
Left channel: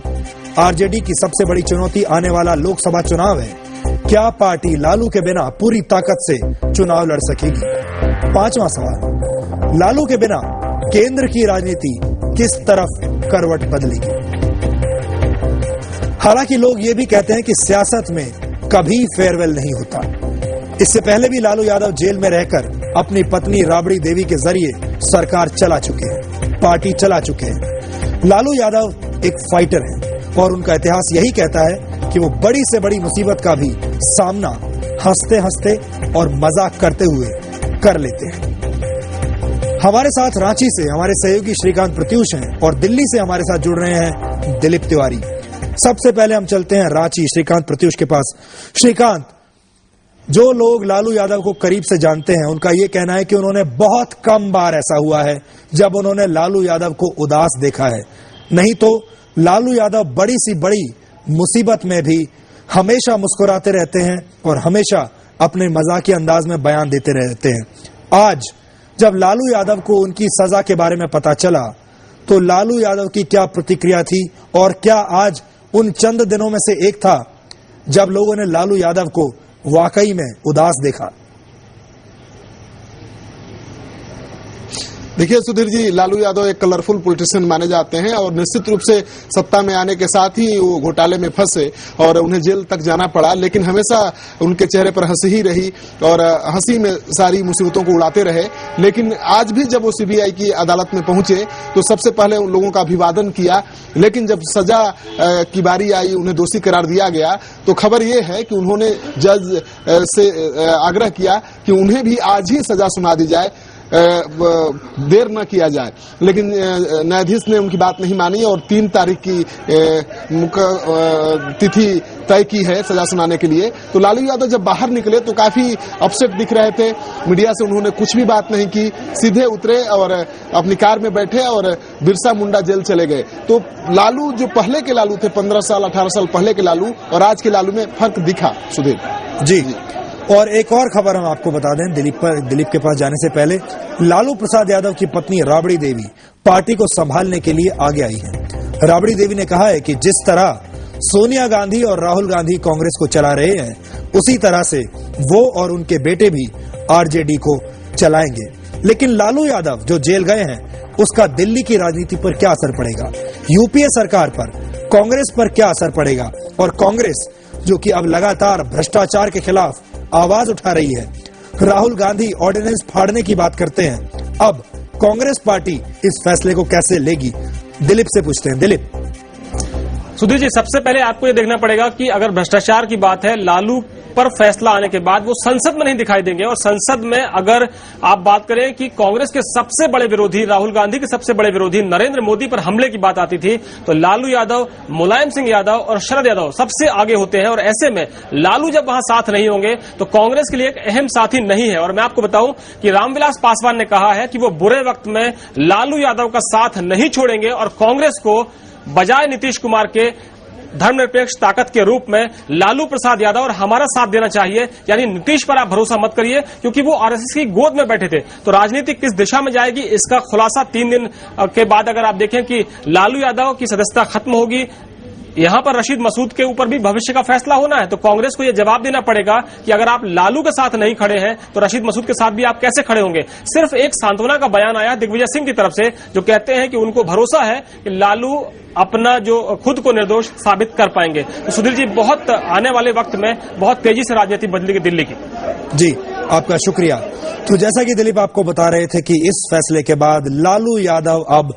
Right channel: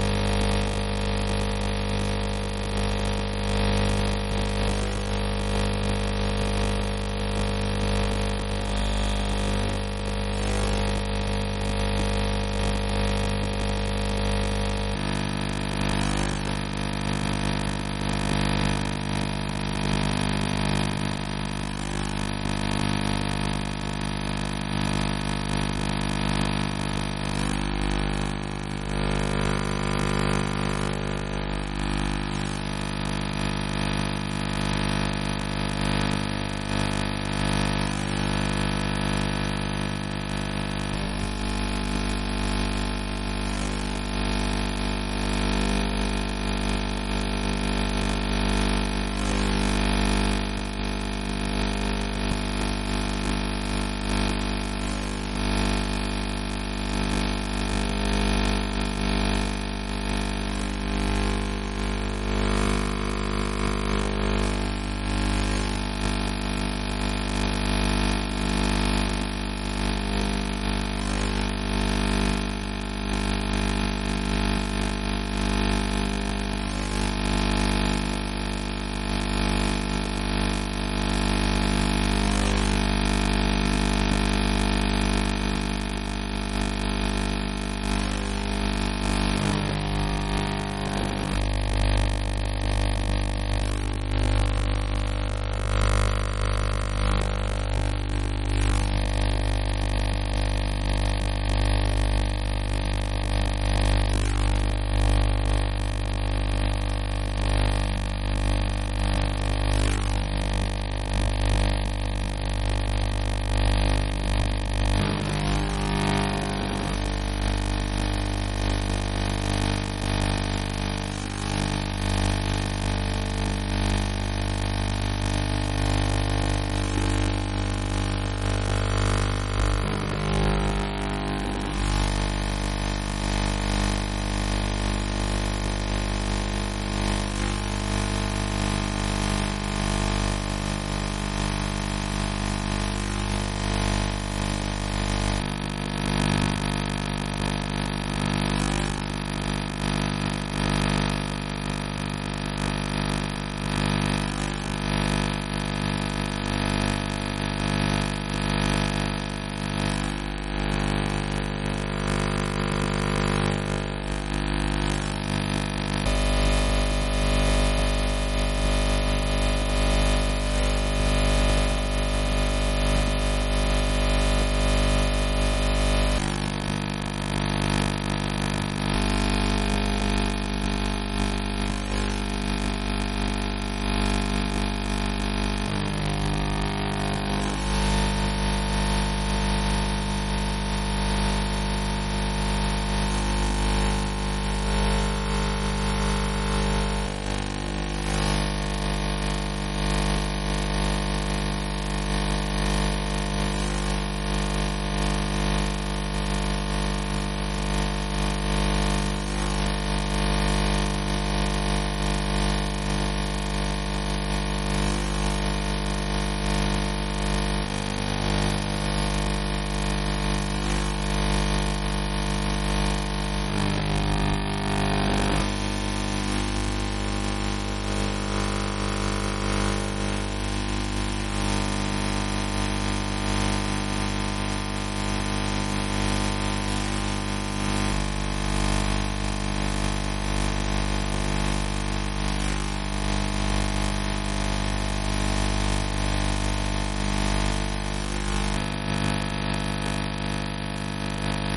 आरजेडी की सबसे बड़ी चुनौती आने वाला लोकसभा चुनाव है। क्या पार्टी लालू के बिना पूरी ताकत से चुनाव लड़ सकेगी? पांचवा सवाल, लालू के बिना केंद्र की राजनीति किस तरफ करवट बदलेगी? हालांकि लोग ये भी कहते हैं कि सियासत में कभी फेयरवेल नहीं होता। इससे पहले भी लालू यादव जेल में रहकर अपनी पत्नी राबड़ी देवी के जरिए सरकार चला चुके हैं, पार्टी चला चुके हैं। लालू यादव एक फाइटर है और उनका इतिहास यही कहता है कि वो बड़ी से बड़ी मुसीबत का भी सामना हंसते हंसते और मजाक करते हुए कर लेते हैं। हमारे साथ रांची से हमारे सहयोगी श्रीकांत प्रत्यूष हैं और दिल्ली से हमारे साथ जुड़ रहे हैं दिलीप तिवारी। सबसे पहले हम चलते हैं रांची श्रीकांत प्रत्यूष के पास। श्रीकांत, जो लोग लालू यादव को करीब से जानते हैं उनका ये कहना है कि उन्होंने बहुत कम बार ऐसा हुआ है जब उन्होंने लालू यादव को उदास देखा है। नहीं तो लालू यादव बड़ी सी बड़ी मुसीबत में भी हमेशा मुस्कुराते रहते हैं और हमेशा अपने मजाकिया अंदाज में बयान देते रहते हैं। आज जब लालू यादव को उनकी सजा के बारे में पता चला तो लालू यादव की क्या प्रतिक्रिया थी और क्या आज उन चंद दिनों में से एक था जब लोगों ने लालू यादव को वाकई में उदास देखा? देखिए सुधीर जी, लालू यादव एक कलरफुल पॉलिटिशियन माने जाते हैं और निश्चित रूप से सत्ता में आने के साथ ही वो घोटाले में फंसे और उन्हें जेल तक जाना पड़ा, लेकिन हमेशा उनके चेहरे पर हंसी ही रही और हंसी में सारी मुसीबतों को उड़ाते रहे। लेकिन आज भी जब वो सीबीआई की अदालत में पहुंचे तो सबसे पहले उन लोगों का अभिवादन किया, लेकिन जब सजा की बारी आई, उन्हें दोषी करार दिया गया, तो खबर ये है कि उन्होंने जज से आग्रह किया कि उन्हें भी आज ही सजा सुना दी जाए, देर न किया जाए। लेकिन न्यायाधीश ने उनकी बात नहीं मानी और 3 तारीख की तिथि तय की है सजा सुनाने के लिए। तो लालू यादव जब बाहर निकले तो काफी अपसेट दिख रहे थे। मीडिया से उन्होंने कुछ भी बात नहीं की, सीधे उतरे और अपनी कार में बैठे और बिरसा मुंडा जेल चले गए। तो लालू जो पहले के लालू थे, 15 साल 18 साल पहले के लालू और आज के लालू में फर्क दिखा। सुधीर जी, और एक और खबर हम आपको बता दें दिलीप के पास जाने से पहले, लालू प्रसाद यादव की पत्नी राबड़ी देवी पार्टी को संभालने के लिए आगे आई है। राबड़ी देवी ने कहा है कि जिस तरह सोनिया गांधी और राहुल गांधी कांग्रेस को चला रहे हैं, उसी तरह से वो और उनके बेटे भी आरजेडी को चलाएंगे। लेकिन लालू यादव जो जेल गए हैं, उसका दिल्ली की राजनीति पर क्या असर पड़ेगा, यूपीए सरकार पर, कांग्रेस पर क्या असर पड़ेगा, और कांग्रेस जो कि अब लगातार भ्रष्टाचार के खिलाफ आवाज उठा रही है, राहुल गांधी ऑर्डिनेंस फाड़ने की बात करते हैं, अब कांग्रेस पार्टी इस फैसले को कैसे लेगी? दिलीप से पूछते हैं। दिलीप। सुधीर जी, सबसे पहले आपको ये देखना पड़ेगा कि अगर भ्रष्टाचार की बात है, लालू पर फैसला आने के बाद वो संसद में नहीं दिखाई देंगे। और संसद में अगर आप बात करें कि कांग्रेस के सबसे बड़े विरोधी, राहुल गांधी के सबसे बड़े विरोधी नरेंद्र मोदी पर हमले की बात आती थी, तो लालू यादव, मुलायम सिंह यादव और शरद यादव सबसे आगे होते हैं। और ऐसे में लालू जब वहां साथ नहीं होंगे तो कांग्रेस के लिए एक अहम साथी नहीं है। और मैं आपको बताऊं कि रामविलास पासवान ने कहा है कि वो बुरे वक्त में लालू यादव का साथ नहीं छोड़ेंगे और कांग्रेस को बजाय नीतीश कुमार के धर्मनिरपेक्ष ताकत के रूप में लालू प्रसाद यादव और हमारा साथ देना चाहिए। यानी नीतीश पर आप भरोसा मत करिए, क्योंकि वो आरएसएस की गोद में बैठे थे। तो राजनीति किस दिशा में जाएगी, इसका खुलासा 3 दिन के बाद अगर आप देखें कि लालू यादव की सदस्यता खत्म होगी, यहाँ पर रशीद मसूद के ऊपर भी भविष्य का फैसला होना है। तो कांग्रेस को यह जवाब देना पड़ेगा कि अगर आप लालू के साथ नहीं खड़े हैं तो रशीद मसूद के साथ भी आप कैसे खड़े होंगे। सिर्फ एक सांत्वना का बयान आया दिग्विजय सिंह की तरफ से, जो कहते हैं कि उनको भरोसा है कि लालू अपना जो खुद को निर्दोष साबित कर पाएंगे। तो सुधीर जी, बहुत आने वाले वक्त में बहुत तेजी से राजनीति बदलेगी दिल्ली की। जी, आपका शुक्रिया। तो जैसा कि दिलीप आपको बता रहे थे कि इस फैसले के बाद लालू यादव अब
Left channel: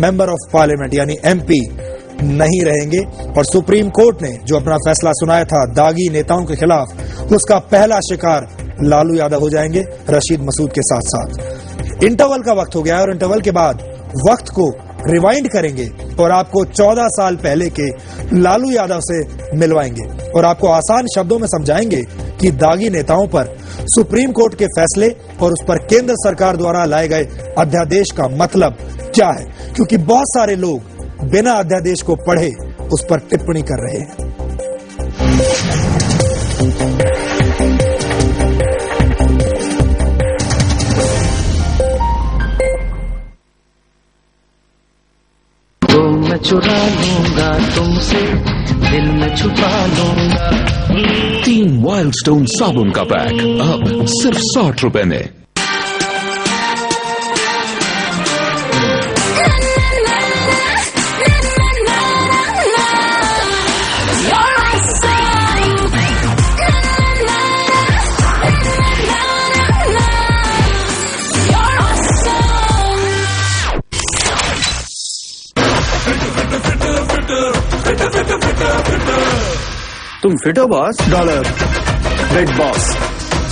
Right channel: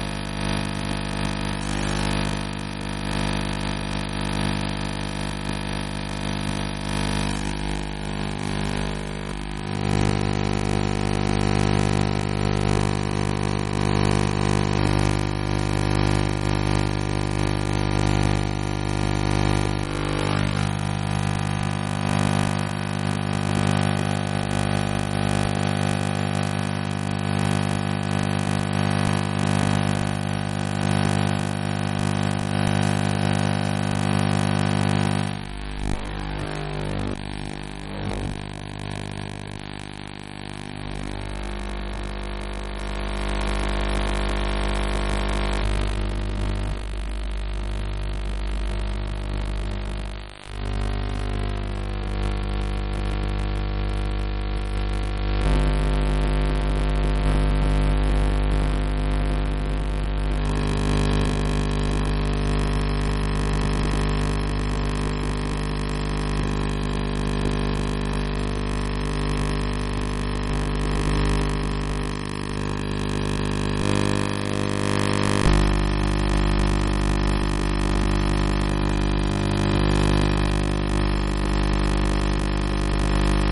मेंबर ऑफ पार्लियामेंट यानी एमपी नहीं रहेंगे, और सुप्रीम कोर्ट ने जो अपना फैसला सुनाया था दागी नेताओं के खिलाफ, तो उसका पहला शिकार लालू यादव हो जाएंगे रशीद मसूद के साथ साथ। इंटरवल का वक्त हो गया है और इंटरवल के बाद वक्त को रिवाइंड करेंगे और आपको 14 साल पहले के लालू यादव से मिलवाएंगे और आपको आसान शब्दों में समझाएंगे कि दागी नेताओं पर सुप्रीम कोर्ट के फैसले और उस पर केंद्र सरकार द्वारा लाए गए अध्यादेश का मतलब क्या है, क्योंकि बहुत सारे लोग बिना अध्यादेश को पढ़े उस पर टिप्पणी कर रहे हैं। तो मैं चुरा लूंगा तुमसे, दिल में छुपा लूंगा। 3 वाइल्ड स्टोन साबुन का पैक अब सिर्फ 60 रुपए में। तुम फिट हो boss? Dollar big boss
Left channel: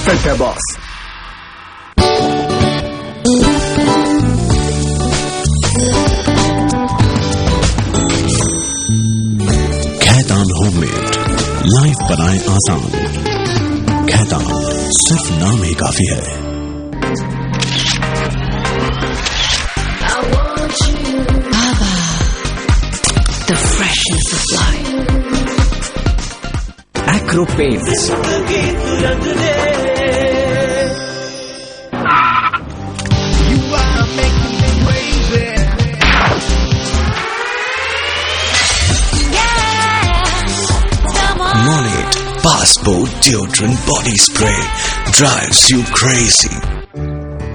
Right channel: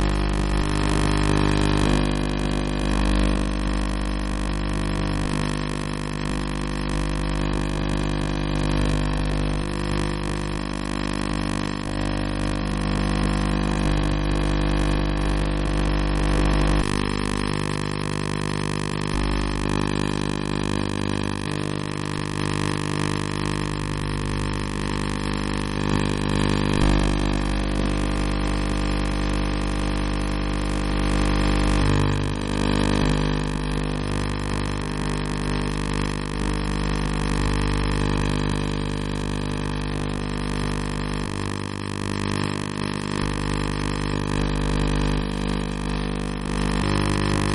fit है बॉस। खैतान होममेड, लाइफ बनाए आसान। खैतान, सिर्फ नाम ही काफी है। The freshness of life. Acro Paints. Monade Passport Deodorant Body Spray drives you crazy.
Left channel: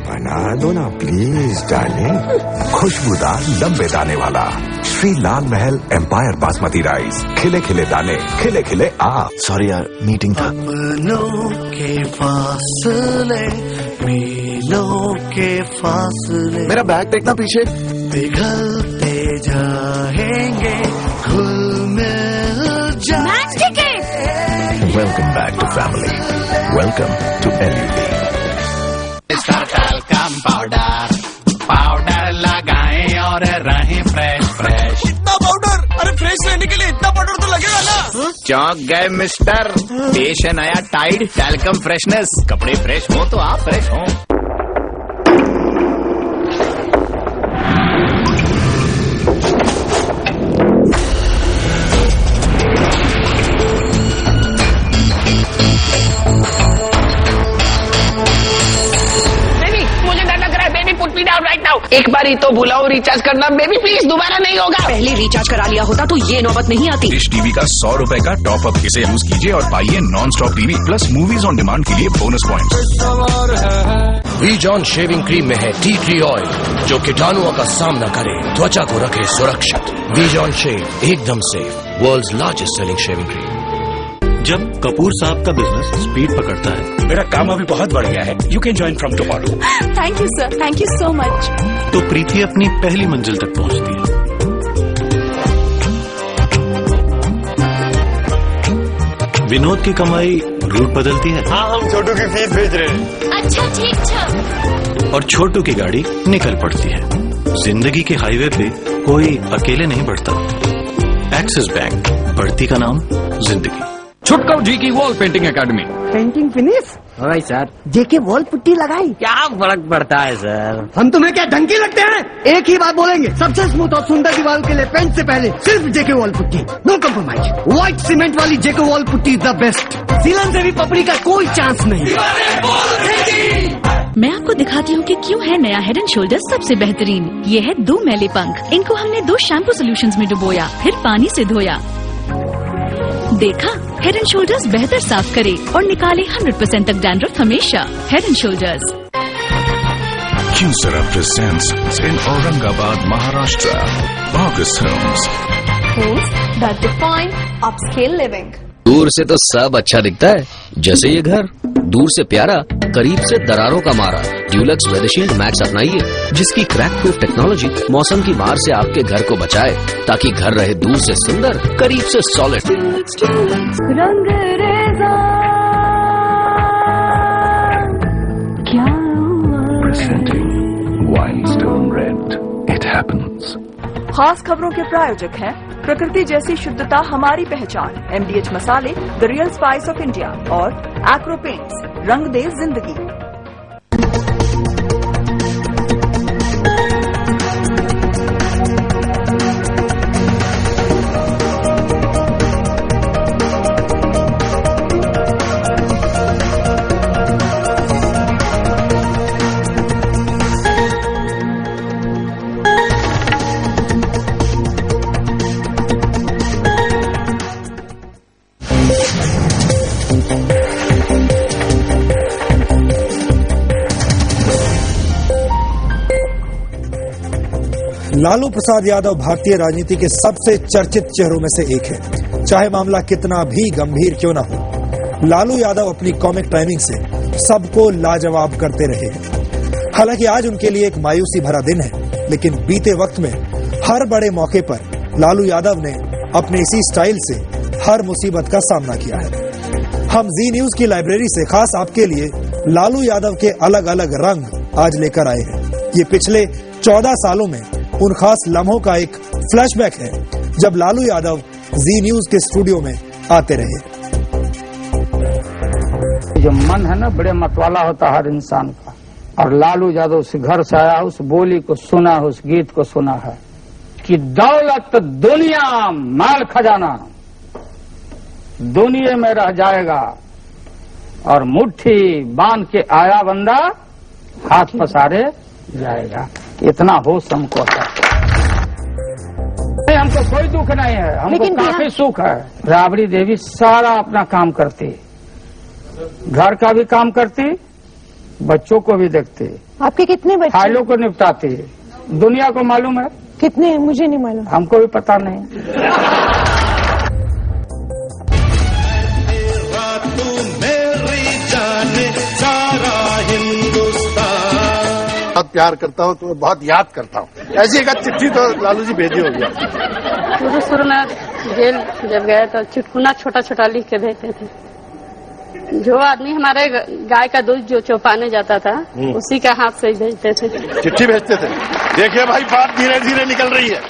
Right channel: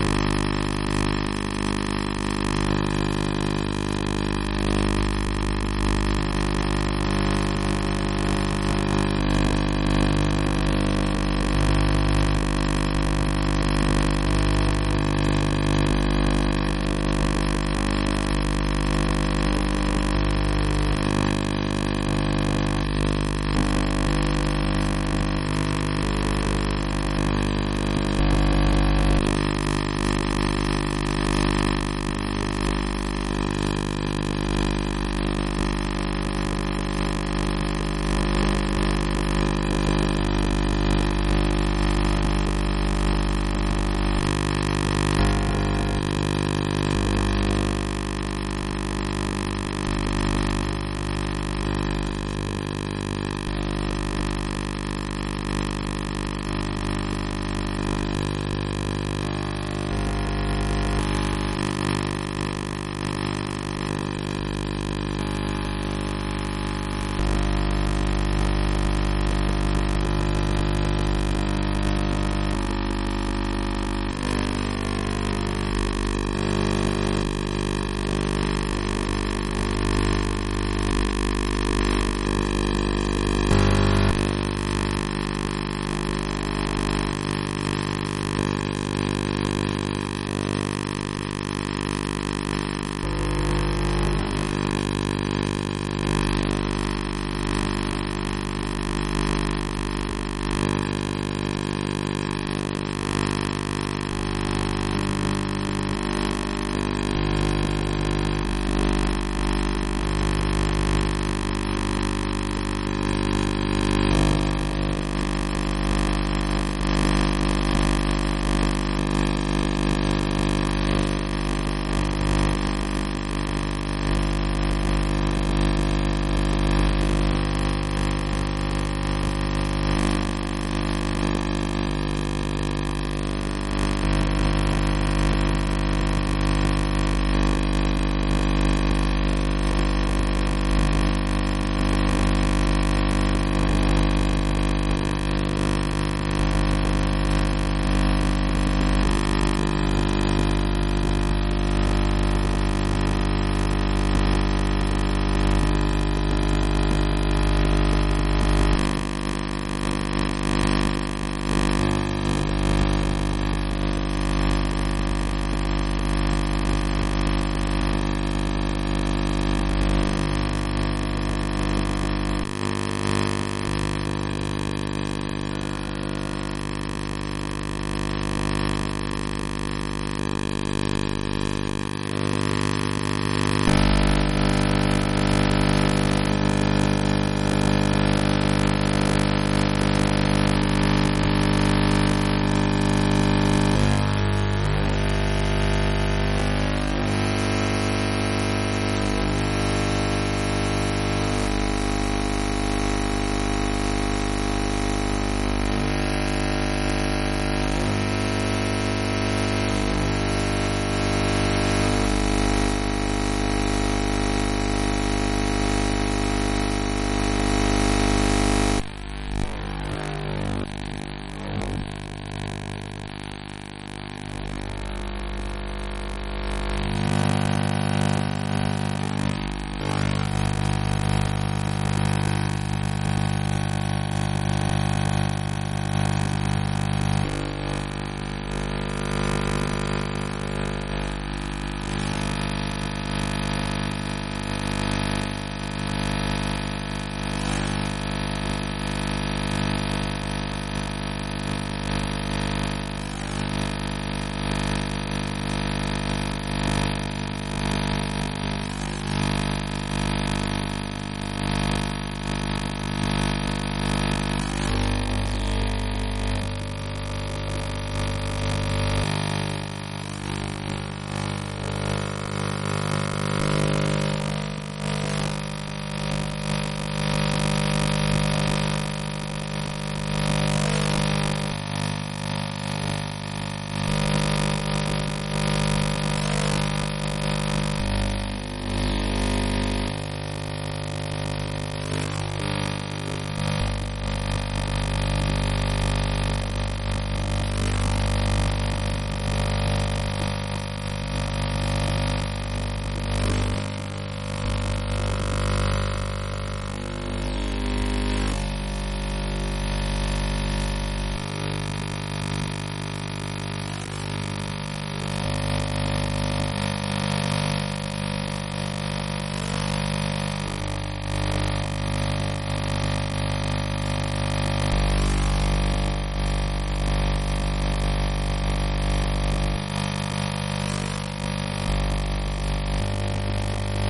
बना दो ना प्लीज डार्लिंग। खुशबूदार लंबे दाने वाला श्री लाल महल एम्पायर बासमती राइस। खिले खिले दाने, खिले खिले आप। सॉरी यार, मीटिंग था। अपनों के फासले, मीलों के फासले। मेरा बैग देखना पीछे। पिघलते जाएंगे, घुल मिल जाएंगे। Welcome back to family. Welcome to LUD। Powder लगाएं और रहें फ्रेश फ्रेश। इतना पाउडर? अरे फ्रेश रहने के लिए इतना पाउडर तो लगेगा ना? चौंक गए मिस्टर, पेश है नया टाइड टैल्कम फ्रेशनेस। कपड़े फ्रेश हो तो आप फ्रेश हो। एक बार ही तो भुलाओ रिचार्ज करना बेबी, प्लीज दोबारा नहीं होगा। पहले रिचार्ज करा लिया होता तो ये नौबत नहीं आती। डिश टीवी का 100 रुपए का टॉप अप, इसे यूज कीजिए और पाइए non stop TV plus movies on demand के लिए bonus points. Vi-John shaving cream में है टी ट्री ऑयल जो कीटाणुओं का सामना करे, त्वचा को रखे सुरक्षित। वीजॉन शेव एकदम से world's largest selling shaving cream. जब कपूर साहब का बिजनेस स्पीड पकड़ता है, मेरा काम अभी बहुत बढ़ गया है। You can join from tomorrow. Thank you sir, thank you so much. तो प्रीति अपनी पहली मंजिल तक पहुंचती है। विनोद की कमाई रूट बदलती है। हाँ, हम छोटू की फीस भेज रहे हैं। अच्छा ठीक है। और छोटू की गाड़ी निकल पड़ती है। जिंदगी के हाईवे पे कोई अकेले नहीं बढ़ता। एक्सिस बैंक, बढ़ती का नाम जिंदगी। छुटकाउ जी की wall painting academy. Painting finish भाई साहब, जेके वॉल पुट्टी लगाई। क्या फर्क पड़ता है सर? हम तुम्हें क्या ढंकी लगते हैं? एक ही बात बोलेंगे, सबसे स्मूथ और सुंदर दीवार के लिए पेंट से पहले सिर्फ JK wall putty, no compromise. White cement वाली JK wall putty is the best. सीलन से भी पपड़ी का कोई चांस नहीं। मैं आपको दिखाती हूँ कि क्यों है नया हेड एंड शोल्डर्स सबसे बेहतरीन। ये है 2 मैले पंख। इनको हमने 2 शैम्पू सोल्यूशंस में डुबोया, फिर पानी से धोया। देखा, हेड एंड शोल्डर्स बेहतर साफ करे और निकाले 100% तक डैंड्रफ हमेशा। Head and shoulders. Kyocera presents in Aurangabad, Maharashtra, August Homes. That's the point, upscale living. दूर से तो सब अच्छा दिखता है, जैसे ये घर। दूर से प्यारा, करीब से दरारों का मारा। ड्यूलक्स वेदरशील्ड मैक्स अपनाइए, जिसकी क्रैक प्रूफ टेक्नोलॉजी मौसम की मार से आपके घर को बचाए, ताकि घर रहे दूर से सुंदर, करीब से solid. Presenting Wildstone Rent. It happens. खास खबरों के प्रायोजक हैं प्रकृति जैसी शुद्धता हमारी पहचान, MDH मसाले, the real spice of India और एक्रो पेंट्स, रंग दे जिंदगी। लालू प्रसाद यादव भारतीय राजनीति के सबसे चर्चित चेहरों में से एक है। चाहे मामला कितना भी गंभीर क्यों ना हो, लालू यादव अपनी कॉमिक टाइमिंग से सबको लाजवाब करते रहे हैं। हालांकि आज उनके लिए एक मायूसी भरा दिन है, लेकिन बीते वक्त में हर बड़े मौके पर लालू यादव ने अपने इसी स्टाइल से हर मुसीबत का सामना किया है। हम जी न्यूज की लाइब्रेरी से खास आपके लिए लालू यादव के अलग अलग रंग आज लेकर आए हैं। ये पिछले 14 सालों में उन खास लम्हों का एक फ्लैशबैक है जब लालू यादव जी न्यूज के स्टूडियो में आते रहे। जो मन है ना, बड़े मतवाला होता हर इंसान का, और लालू यादव उस घर से आया, उस बोली को सुना, उस गीत को सुना है कि दौलत दुनिया माल खजाना दुनिया में रह जाएगा, और मुट्ठी बांध के आया बंदा हाथ पसारे जाएगा। इतना होश हमको आता है। हमको कोई दुख नहीं है, हमको काफी सुख है। राबड़ी देवी सारा अपना काम करती, घर का भी काम करती, बच्चों को भी देखती। आपके कितने बच्चे? फाइलों को निपटाती। दुनिया को मालूम है कितने? मुझे नहीं मालूम। हमको भी पता नहीं। बहुत प्यार करता हूँ, तो बहुत याद करता हूँ। ऐसी एक चिट्ठी तो लालू जी भेजी होगी। शुरू में जेल जब गए तो चुटकुना छोटा छोटा लिख के देते थे। जो आदमी हमारे गाय का दूध जो चौपाने जाता था, उसी का हाथ से भेजते थे, चिट्ठी भेजते थे। देखिए भाई, बात धीरे धीरे निकल रही है,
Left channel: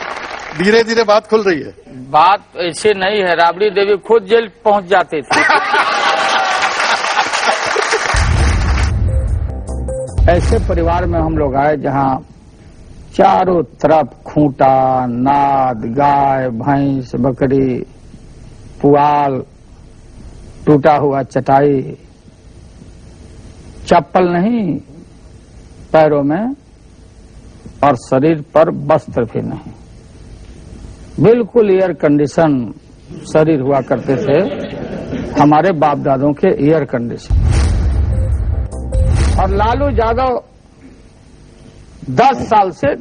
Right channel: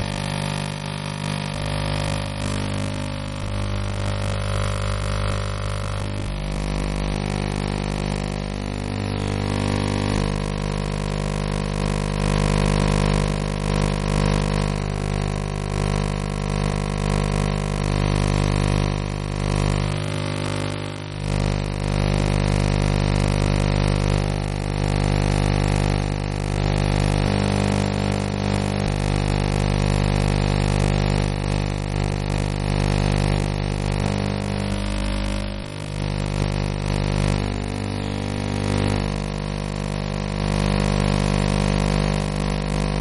धीरे धीरे बात खुल रही है। बात ऐसे नहीं है, राबड़ी देवी खुद जेल पहुंच जाते थे। ऐसे परिवार में हम लोग आए जहां चारों तरफ खूंटा, नाद, गाय, भैंस, बकरी, पुआल, टूटा हुआ चटाई, चप्पल नहीं पैरों में और शरीर पर वस्त्र के नहीं, बिल्कुल एयर कंडीशन शरीर हुआ करते थे हमारे बाप दादों के एयर कंडीशन। और लालू यादव 10 साल से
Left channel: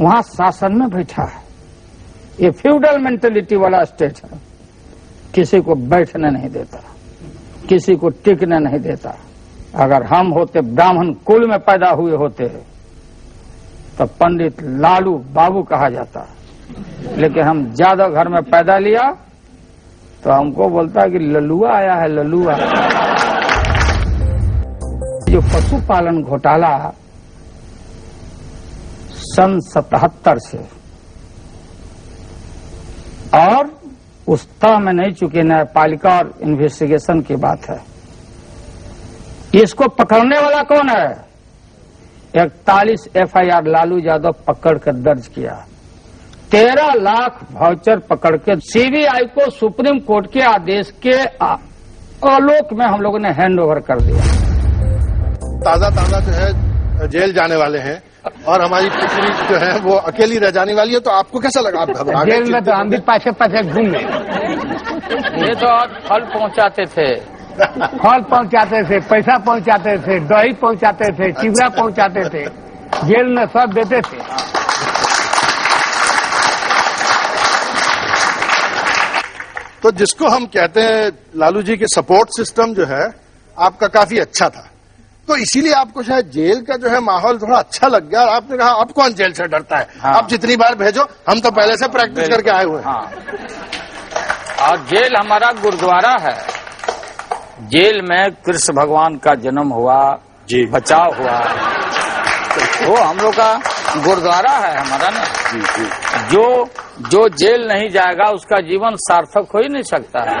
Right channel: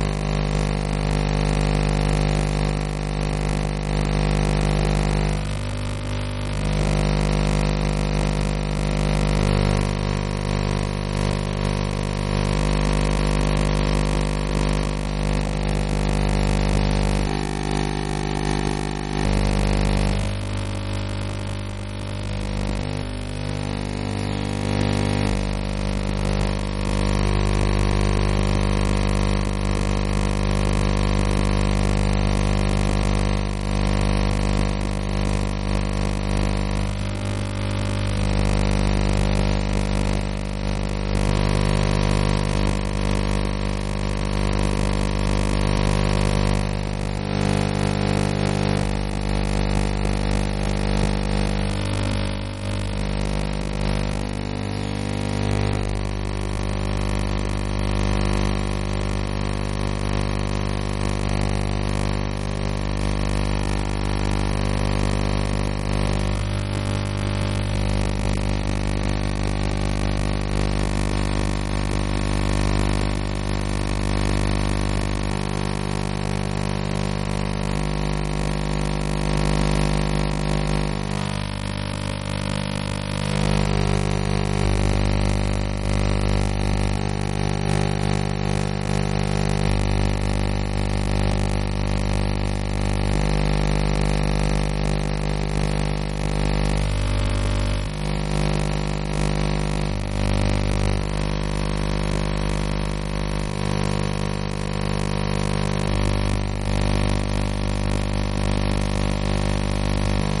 वहां शासन में बैठा है। ये फ्यूडल मेंटेलिटी वाला स्टेट, किसी को बैठने नहीं देता, किसी को टिकने नहीं देता। अगर हम होते ब्राह्मण कुल में पैदा हुए होते तो पंडित लालू बाबू कहा जाता, लेकिन हम यादव घर में पैदा लिया तो हमको बोलता है कि लल्लुआ आया है, लल्लुआ। जो पशुपालन घोटाला सन 77 से और उस तरह में नहीं चुके, न्यायपालिका और इन्वेस्टिगेशन की बात है। इसको पकड़ने वाला कौन है? 41 FIR लालू यादव पकड़ कर दर्ज किया, 13 लाख वाउचर पकड़ के CBI को सुप्रीम कोर्ट के आदेश के आलोक में हम लोगों ने हैंड ओवर कर दिया। ताजा जो है जेल जाने वाले हैं और हमारी पुत्री जो है वो अकेली रह जाने वाली है, तो आपको कैसा लगा? आप घबरा गए? जेल में तो हम भी पाछे घूम गए। ये तो फल पहुंचाते थे, फल पहुंचाते थे, पैसा पहुंचाते थे, दही पहुंचाते थे, चिवड़ा पहुंचाते थे, जेल में सब देते थे। तो जिसको हम कहते हैं लालू जी के सपोर्ट सिस्टम जो है आपका काफी अच्छा था, तो इसीलिए आपको शायद जेल का जो है माहौल थोड़ा अच्छा लग गया और आपने कहा अब कौन जेल से डरता है, आप जितनी बार भेजो, हम तो पहले से प्रैक्टिस करके आए हुए हैं। और जेल हमारा गुरुद्वारा है। जेल में कृष्ण भगवान का जन्म हुआ, बचाव हुआ, वो हम लोग का गुरुद्वारा है हमारा ना। जो जेल नहीं जाएगा उसका जीवन सार्थक हो ही नहीं सकता है।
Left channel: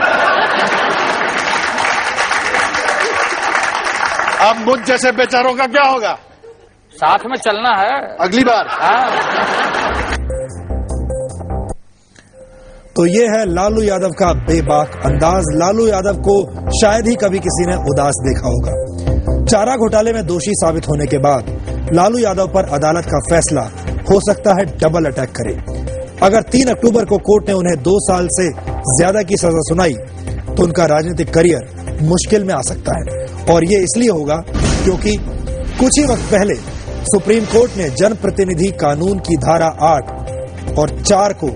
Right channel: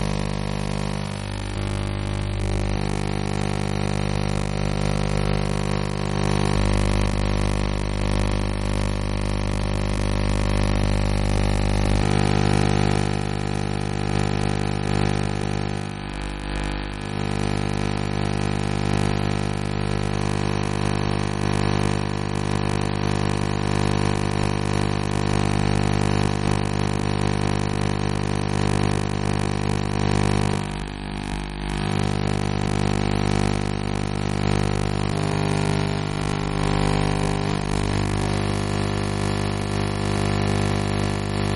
अब मुझ जैसे बेचारों का क्या होगा? साथ में चलना है अगली बार। तो ये है लालू यादव का बेबाक अंदाज। लालू यादव को शायद ही कभी किसी ने उदास देखा होगा। चारा घोटाले में दोषी साबित होने के बाद लालू यादव पर अदालत का फैसला हो सकता है डबल अटैक करे। अगर 3 अक्टूबर को कोर्ट ने उन्हें 2 साल से ज्यादा की सजा सुनाई तो उनका राजनीतिक करियर मुश्किल में आ सकता है। और ये इसलिए होगा क्योंकि कुछ ही वक्त पहले सुप्रीम कोर्ट ने जनप्रतिनिधि कानून की धारा 8 और 4 को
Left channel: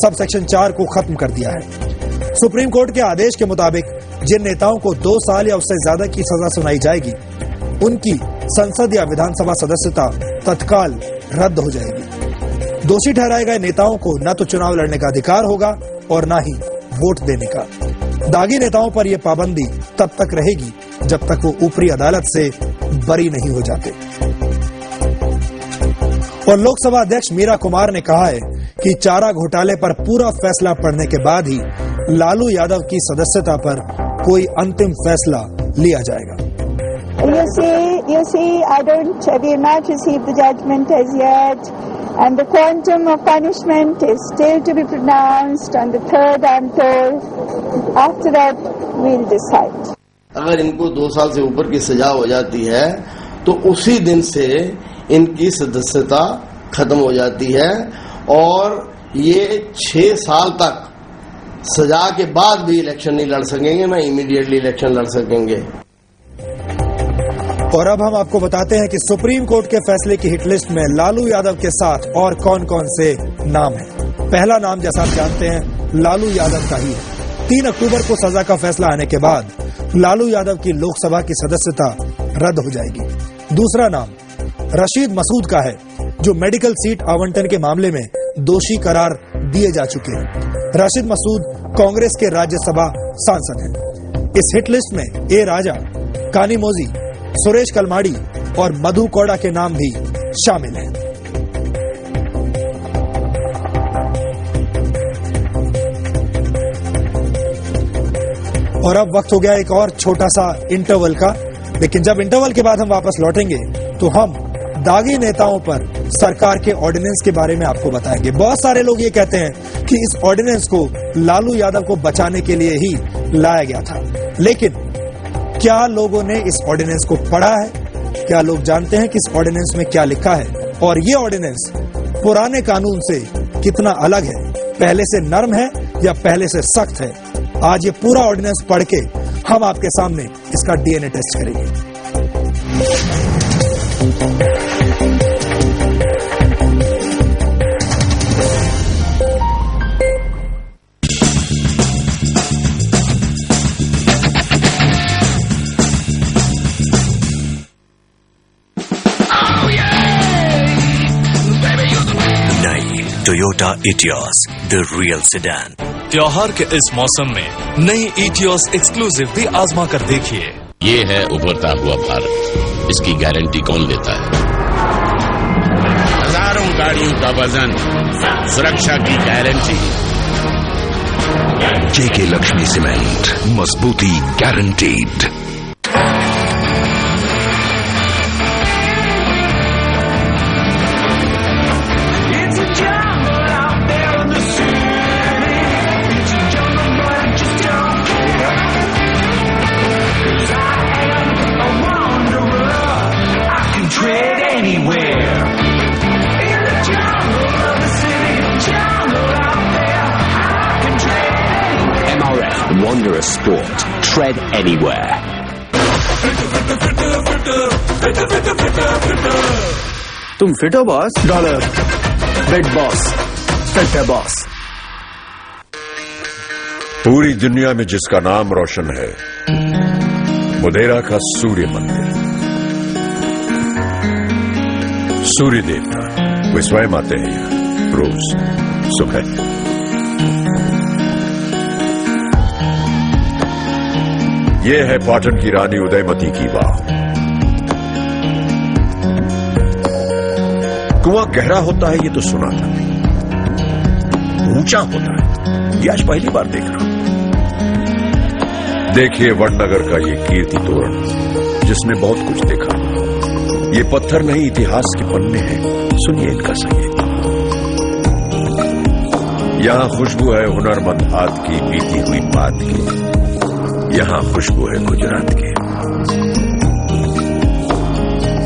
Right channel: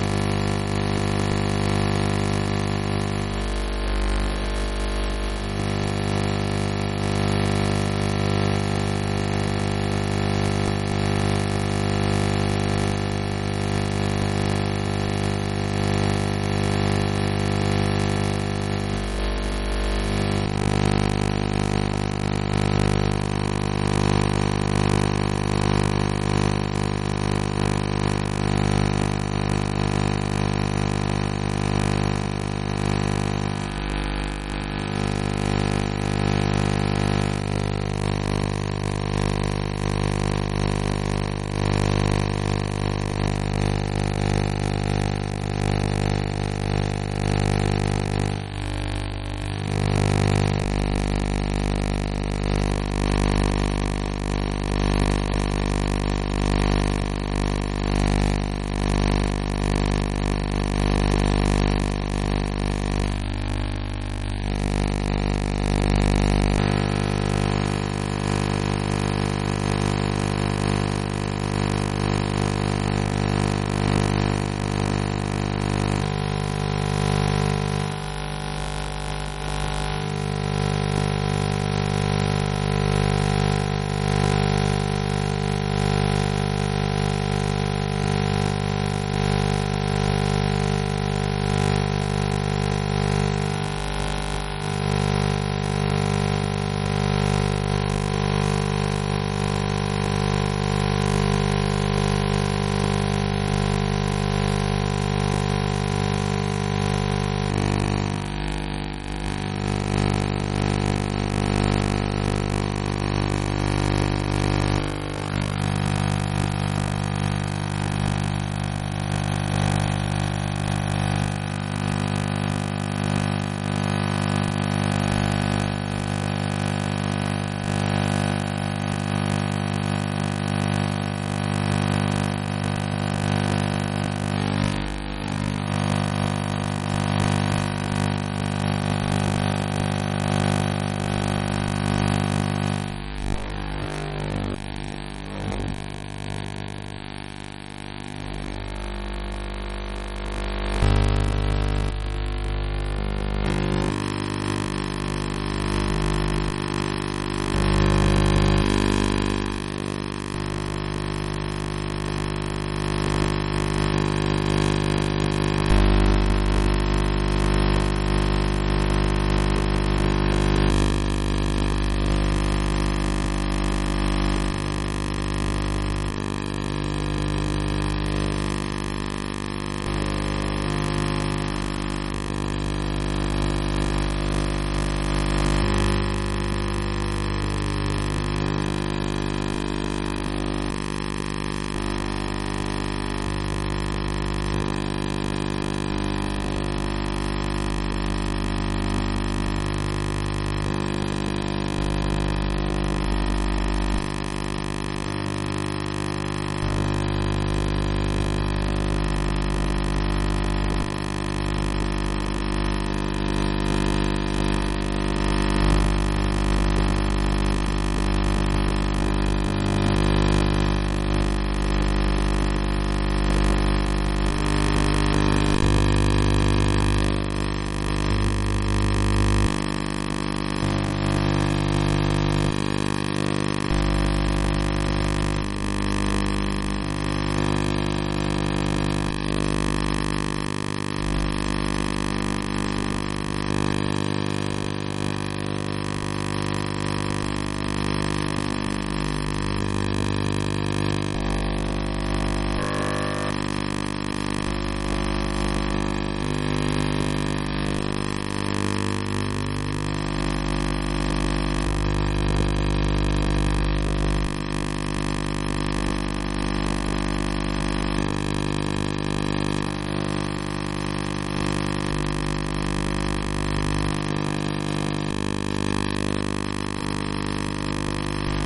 सबसेक्शन 4 को खत्म कर दिया है। सुप्रीम कोर्ट के आदेश के मुताबिक जिन नेताओं को 2 साल या उससे ज्यादा की सजा सुनाई जाएगी उनकी संसद या विधानसभा सदस्यता तत्काल रद्द हो जाएगी। दोषी ठहराए गए नेताओं को न तो चुनाव लड़ने का अधिकार होगा और न ही वोट देने का। दागी नेताओं पर यह पाबंदी तब तक रहेगी जब तक वो ऊपरी अदालत से बरी नहीं हो जाते। और लोकसभा अध्यक्ष मीरा कुमार ने कहा है कि चारा घोटाले पर पूरा फैसला पड़ने के बाद ही लालू यादव की सदस्यता पर कोई अंतिम फैसला लिया जाएगा। You see, I have not received the judgment as yet, and the quantum of punishment is still to be pronounced on the 3rd, I'm told. After that, we'll decide. अगर इनको 2 साल से ऊपर की सजा हो जाती है तो उसी दिन से इनकी सदस्यता खत्म हो जाती है और ये 6 साल तक सजा के बाद भी इलेक्शन नहीं लड़ सकेंगे, ना इमीडिएटली इलेक्शन लड़ सकेंगे। और अब हम आपको बताते हैं कि सुप्रीम कोर्ट के फैसले की हिट लिस्ट में लालू यादव के साथ और कौन कौन से नाम हैं। पहला नाम जैसा आप जानते हैं लालू यादव का ही। 3 अक्टूबर को सजा का फैसला आने के बाद लालू यादव की लोकसभा की सदस्यता रद्द हो जाएगी। दूसरा नाम रशीद मसूद का है, जो मेडिकल सीट आवंटन के मामले में दोषी करार दिए जा चुके हैं। रशीद मसूद कांग्रेस के राज्यसभा सांसद हैं। इस हिट लिस्ट में ए राजा, कानीमोजी, सुरेश कलमाड़ी और मधु कोड़ा के नाम भी शामिल हैं। और अब वक्त हो गया एक और छोटा सा इंटरवल का। लेकिन जब इंटरवल के बाद हम वापस लौटेंगे तो हम दागी नेताओं पर सरकार के ऑर्डिनेंस के बारे में आपको बताएंगे। बहुत सारे लोग ये कहते हैं कि इस ऑर्डिनेंस को लालू यादव को बचाने के लिए ही लाया गया था, लेकिन क्या लोगों ने इस ऑर्डिनेंस को पढ़ा है? क्या लोग जानते हैं कि इस ऑर्डिनेंस में क्या लिखा है? और ये ऑर्डिनेंस पुराने कानून से कितना अलग है? पहले से नरम है या पहले से सख्त है? आज ये पूरा ऑर्डिनेंस पढ़ के हम आपके सामने इसका डीएनए टेस्ट करेंगे। Toyota Etios, the real sedan. त्योहार के इस मौसम में नई Etios एक्सक्लूसिव भी आजमा कर देखिए। ये है उभरता हुआ भारत, इसकी गारंटी कौन लेता है? हजारों गाड़ियों का वजन, सुरक्षा की गारंटी। जेके लक्ष्मी सीमेंट, मजबूती guaranteed. Wanderer Sport. Tread anywhere. तुम फिट हो बॉस? $. Big boss. Fit है boss. पूरी दुनिया में जिसका नाम रोशन है, मुदेरा का सूर्य मंदिर। सूर्य देवता वे स्वयं आते हैं रोज सुबह। ये है पाटन की रानी उदयमती की बात। कुआं गहरा होता है ये तो सुना था, ऊंचा होता है ये आज पहली बार देख रहा हूं। देखिए वडनगर का ये कीर्ति तोरण जिसने बहुत कुछ देखा। ये पत्थर नहीं इतिहास के पन्ने हैं, सुनिए इनका संगीत। यहां खुशबू है हुनरमंद हाथ की, बीती हुई बात की। यहां खुशबू है गुजरात की।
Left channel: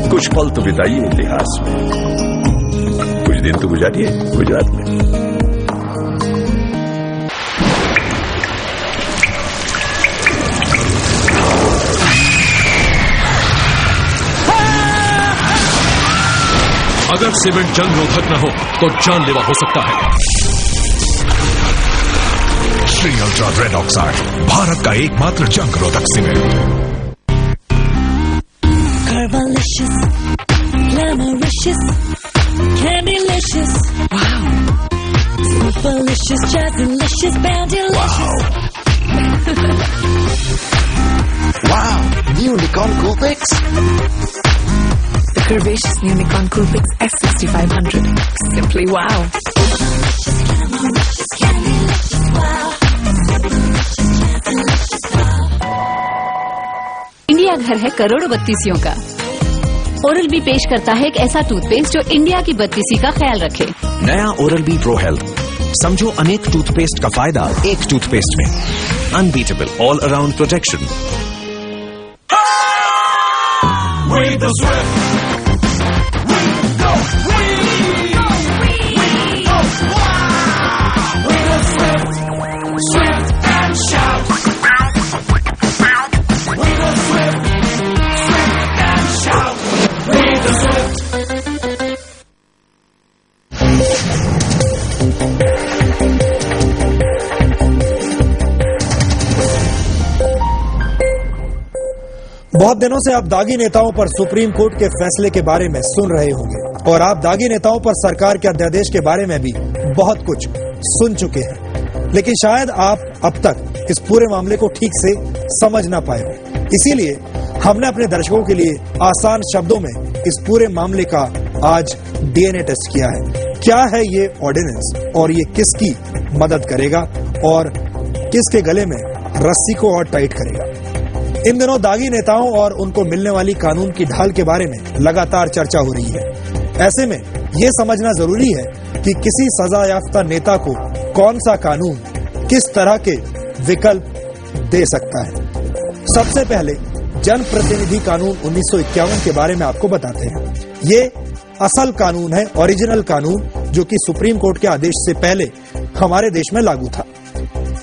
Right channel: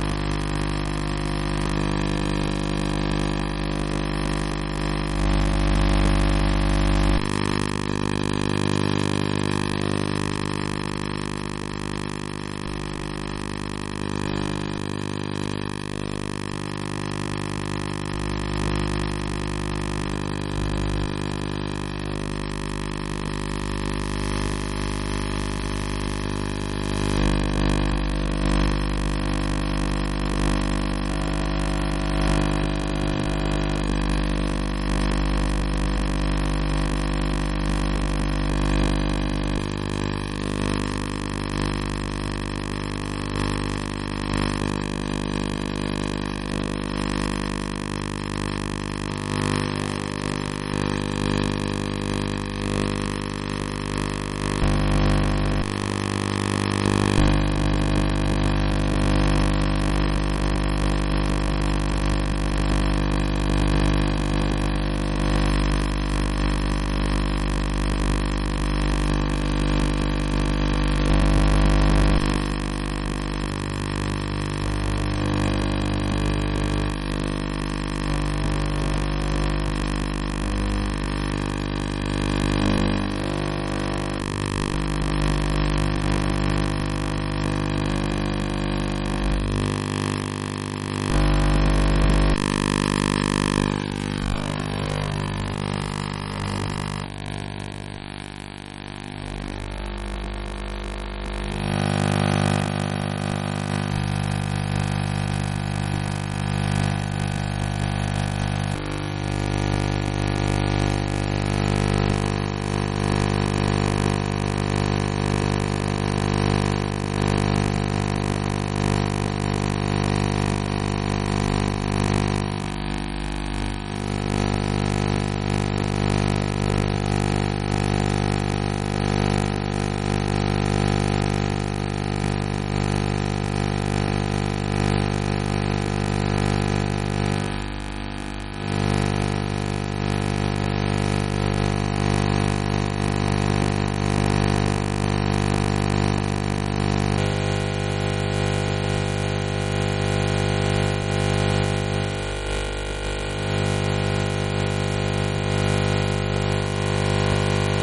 कुछ पल तो बिताइए इतिहास में, कुछ दिन तो गुजारिए गुजरात में। अगर सीमेंट जंग रोधक न हो तो जानलेवा हो सकता है। Shri ultra red oxide, Bharat का एकमात्र जंग रोधक cement. Curvilicious, glamouricious, candylicious. Wow. Superlicious, jazzalicious, bandylicious. Wow, new Nikon Coolpix. The curvaceous new Nikon Coolpix S6500. Simply wow. India घर है करोड़ों बत्तीसियों का। ओरल बी पेश करता है एक ऐसा टूथपेस्ट जो इंडिया की बत्तीसी का ख्याल रखे। नया ओरल बी प्रो हेल्थ, समझो अनेक टूथपेस्ट का फायदा एक टूथपेस्ट में। Unbeatable all around protection. बहुत दिनों से आप दागी नेताओं पर सुप्रीम कोर्ट के फैसले के बारे में सुन रहे होंगे और आप दागी नेताओं पर सरकार के अध्यादेश के बारे में भी बहुत कुछ सुन चुके हैं, लेकिन शायद आप अब तक इस पूरे मामले को ठीक से समझ ना पाए। इसीलिए हमने अपने दर्शकों के लिए आसान शब्दों में इस पूरे मामले का आज डीएनए टेस्ट किया है। क्या है ये ऑर्डिनेंस और ये किसकी मदद करेगा और किसके गले में रस्सी को और टाइट करेगा। इन दिनों दागी नेताओं और उनको मिलने वाली कानून की ढाल के बारे में लगातार चर्चा हो रही है। ऐसे में ये समझना जरूरी है कि किसी सजा याफ्ता नेता को कौन सा कानून किस तरह के विकल्प दे सकता है। सबसे पहले जनप्रतिनिधि कानून 1951 के बारे में आपको बताते हैं। ये असल कानून है, ओरिजिनल कानून, जो कि सुप्रीम कोर्ट के आदेश से पहले हमारे देश में लागू था।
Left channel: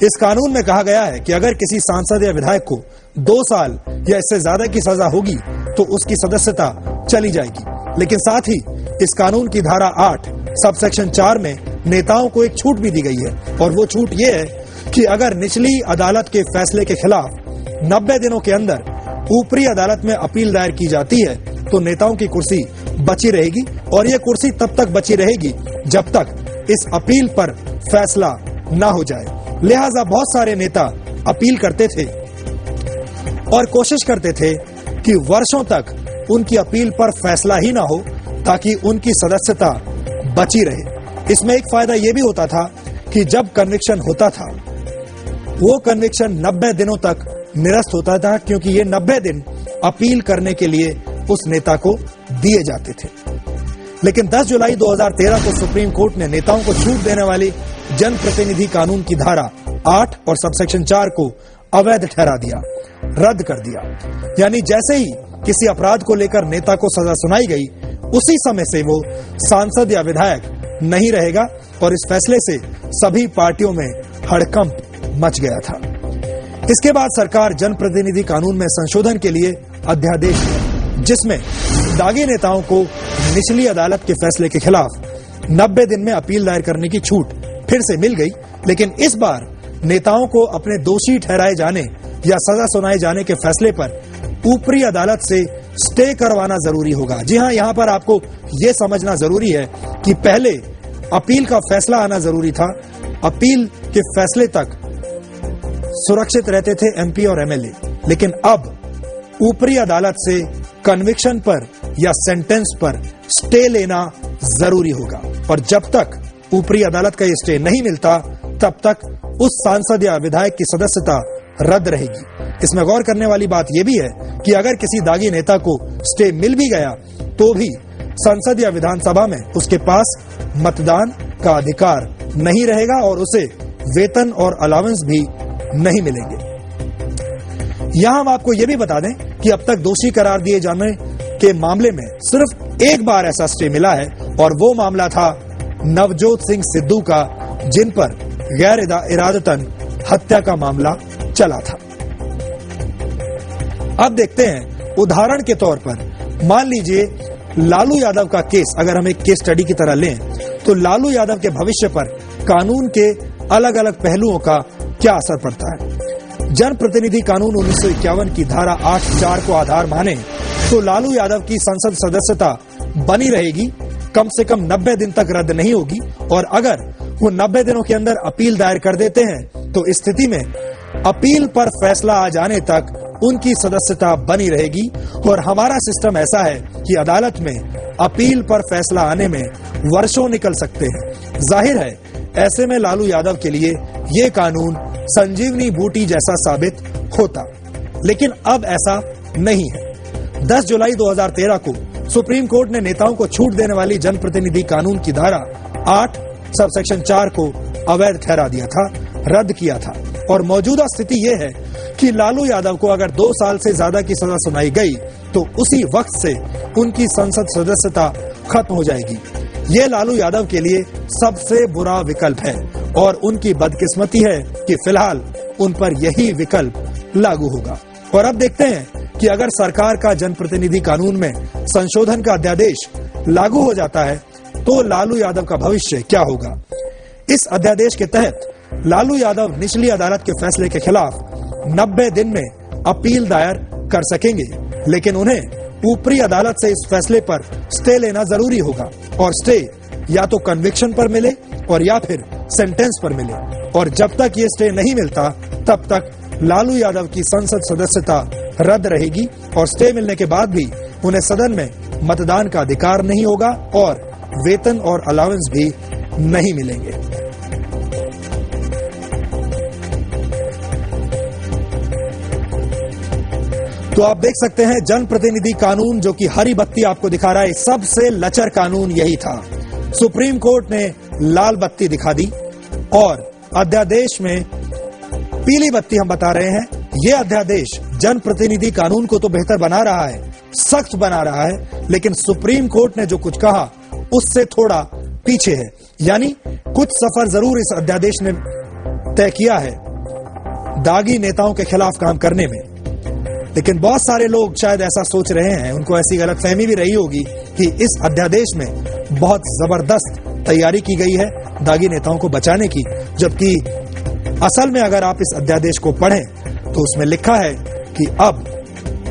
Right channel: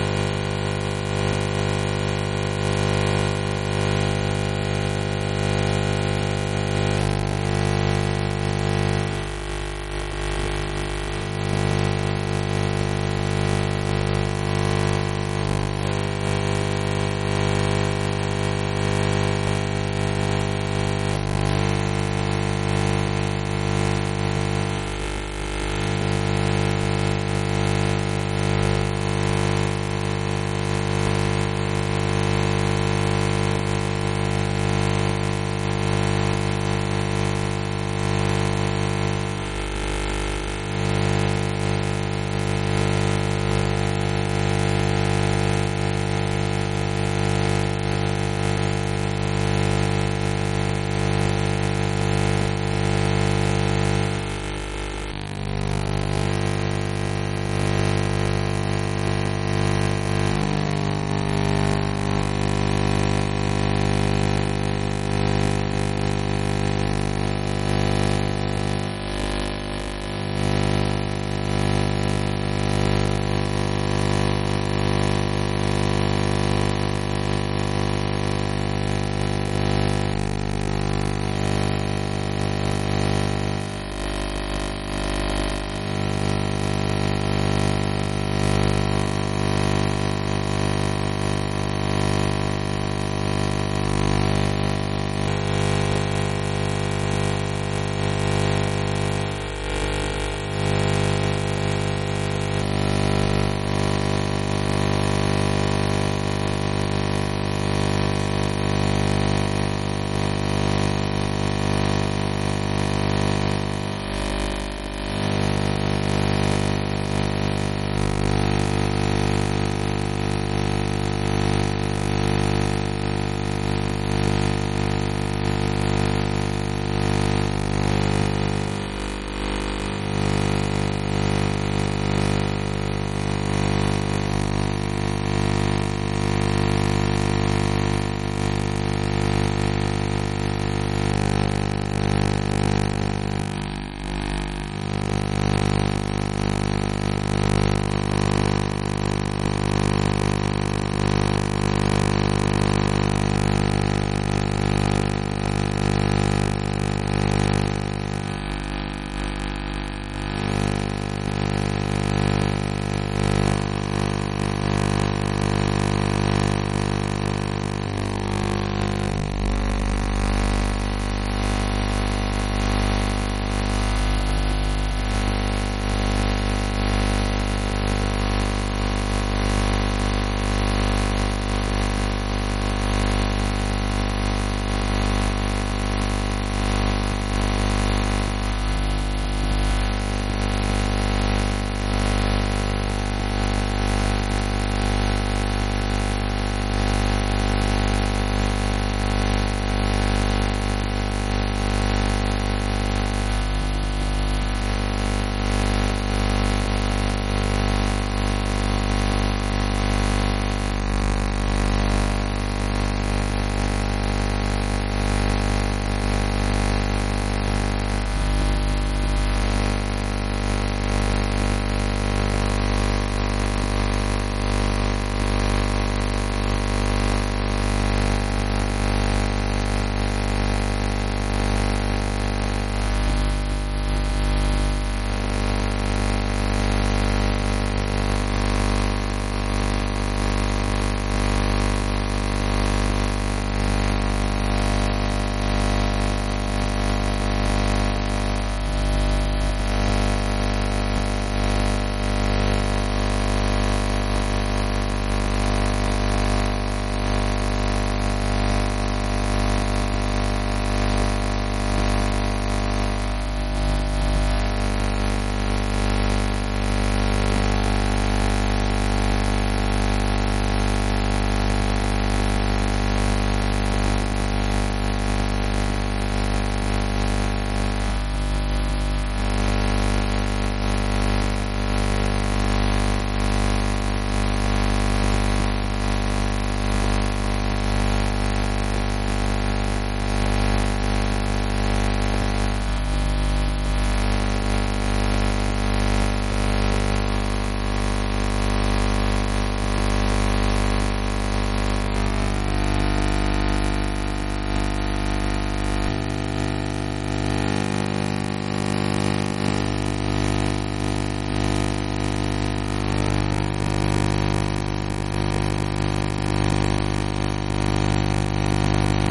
इस कानून में कहा गया है कि अगर किसी सांसद या विधायक को 2 साल या इससे ज्यादा की सजा होगी तो उसकी सदस्यता चली जाएगी। लेकिन साथ ही इस कानून की धारा 8 सबसेक्शन 4 में नेताओं को एक छूट भी दी गई है, और वो छूट ये है कि अगर निचली अदालत के फैसले के खिलाफ 90 दिनों के अंदर ऊपरी अदालत में अपील दायर की जाती है तो नेताओं की कुर्सी बची रहेगी, और ये कुर्सी तब तक बची रहेगी जब तक इस अपील पर फैसला न हो जाए। लिहाजा बहुत सारे नेता अपील करते थे और कोशिश करते थे कि वर्षों तक उनकी अपील पर फैसला ही ना हो ताकि उनकी सदस्यता बची रहे। इसमें एक फायदा यह भी होता था कि जब कन्विक्शन होता था वो कन्विक्शन 90 दिनों तक निरस्त होता था, क्योंकि ये 90 दिन अपील करने के लिए उस नेता को दिए जाते थे। लेकिन 10 जुलाई 2013 को सुप्रीम कोर्ट ने नेताओं को छूट देने वाली जनप्रतिनिधि कानून की धारा 8 और सबसेक्शन 4 को अवैध ठहरा दिया, रद्द कर दिया। यानी जैसे ही किसी अपराध को लेकर नेता को सजा सुनाई गई, उसी समय से वो सांसद या विधायक नहीं रहेगा, और इस फैसले से सभी पार्टियों में हड़कंप मच गया था। इसके बाद सरकार जनप्रतिनिधि कानून में संशोधन के लिए अध्यादेश दिया, जिसमें दागी नेताओं को निचली अदालत के फैसले के खिलाफ 90 दिन में अपील दायर करने की छूट फिर से मिल गई। लेकिन इस बार नेताओं को अपने दोषी ठहराए जाने या सजा सुनाए जाने के फैसले पर ऊपरी अदालत से स्टे करवाना जरूरी होगा। जी हाँ, यहाँ पर आपको ये समझना जरूरी है कि पहले अपील का फैसला आना जरूरी था। अपील के फैसले तक सुरक्षित रहते थे एमपी और एमएलए, लेकिन अब ऊपरी अदालत से कन्विक्शन पर या सेंटेंस पर स्टे लेना जरूरी होगा, और जब तक ऊपरी अदालत का ये स्टे नहीं मिलता तब तक उस सांसद या विधायक की सदस्यता रद्द रहेगी। इसमें गौर करने वाली बात यह भी है कि अगर किसी दागी नेता को स्टे मिल भी गया तो भी संसद या विधानसभा में उसके पास मतदान का अधिकार नहीं रहेगा, और उसे वेतन और अलावेंस भी नहीं मिलेंगे। यहाँ हम आपको ये भी बता दें कि अब तक दोषी करार दिए जाने के मामले में सिर्फ एक बार ऐसा स्टे मिला है, और वो मामला था नवजोत सिंह सिद्धू का, जिन पर गैर इरादतन हत्या का मामला चला था। अब देखते हैं, उदाहरण के तौर पर मान लीजिए लालू यादव का केस अगर हम एक केस स्टडी की तरह लें, तो लालू यादव के भविष्य पर कानून के अलग अलग पहलुओं का क्या असर पड़ता है। जनप्रतिनिधि कानून 1951 की धारा 8(4) को आधार माने तो लालू यादव की संसद सदस्यता बनी रहेगी, कम से कम 90 दिन तक रद्द नहीं होगी, और अगर वो 90 दिनों के अंदर अपील दायर कर देते हैं तो इस स्थिति में अपील पर फैसला आ जाने तक उनकी सदस्यता बनी रहेगी। और हमारा सिस्टम ऐसा है कि अदालत में अपील पर फैसला आने में वर्षों निकल सकते हैं। जाहिर है ऐसे में लालू यादव के लिए ये कानून संजीवनी बूटी जैसा साबित होता, लेकिन अब ऐसा नहीं है। 10 जुलाई 2013 को सुप्रीम कोर्ट ने नेताओं को छूट देने वाली जनप्रतिनिधि कानून की धारा 8 सबसेक्शन 4 को अवैध ठहरा दिया था, रद्द किया था। और मौजूदा स्थिति ये है कि लालू यादव को अगर 2 साल से ज्यादा की सजा सुनाई गई तो उसी वक्त से उनकी संसद सदस्यता खत्म हो जाएगी। ये लालू यादव के लिए सबसे बुरा विकल्प है, और उनकी बदकिस्मती है कि फिलहाल उन पर यही विकल्प लागू होगा। और अब देखते हैं कि अगर सरकार का जनप्रतिनिधि कानून में संशोधन का अध्यादेश लागू हो जाता है तो लालू यादव का भविष्य क्या होगा। इस अध्यादेश के तहत लालू यादव निचली अदालत के फैसले के खिलाफ 90 दिन में अपील दायर कर सकेंगे, लेकिन उन्हें ऊपरी अदालत से इस फैसले पर स्टे लेना जरूरी होगा, और स्टे या तो कन्विक्शन पर मिले और या फिर सेंटेंस पर मिले। और जब तक ये स्टे नहीं मिलता तब तक लालू यादव की संसद सदस्यता रद्द रहेगी, और स्टे मिलने के बाद भी उन्हें सदन में मतदान का अधिकार नहीं होगा और वेतन और अलावेंस भी नहीं मिलेंगे। तो आप देख सकते हैं जनप्रतिनिधि कानून जो कि हरी बत्ती आपको दिखा रहा है, सबसे लचर कानून यही था। सुप्रीम कोर्ट ने लाल बत्ती दिखा दी और अध्यादेश में पीली बत्ती हम बता रहे हैं। यह अध्यादेश जनप्रतिनिधि कानून को तो बेहतर बना रहा है, सख्त बना रहा है, लेकिन सुप्रीम कोर्ट ने जो कुछ कहा उससे थोड़ा पीछे है। यानी कुछ सफर जरूर इस अध्यादेश ने तय किया है दागी नेताओं के खिलाफ काम करने में, लेकिन बहुत सारे लोग शायद ऐसा सोच रहे हैं, उनको ऐसी गलतफहमी भी रही होगी कि इस अध्यादेश में बहुत जबरदस्त तैयारी की गई है दागी नेताओं को बचाने की, जबकि असल में अगर आप इस अध्यादेश को पढ़ें तो उसमें लिखा है कि अब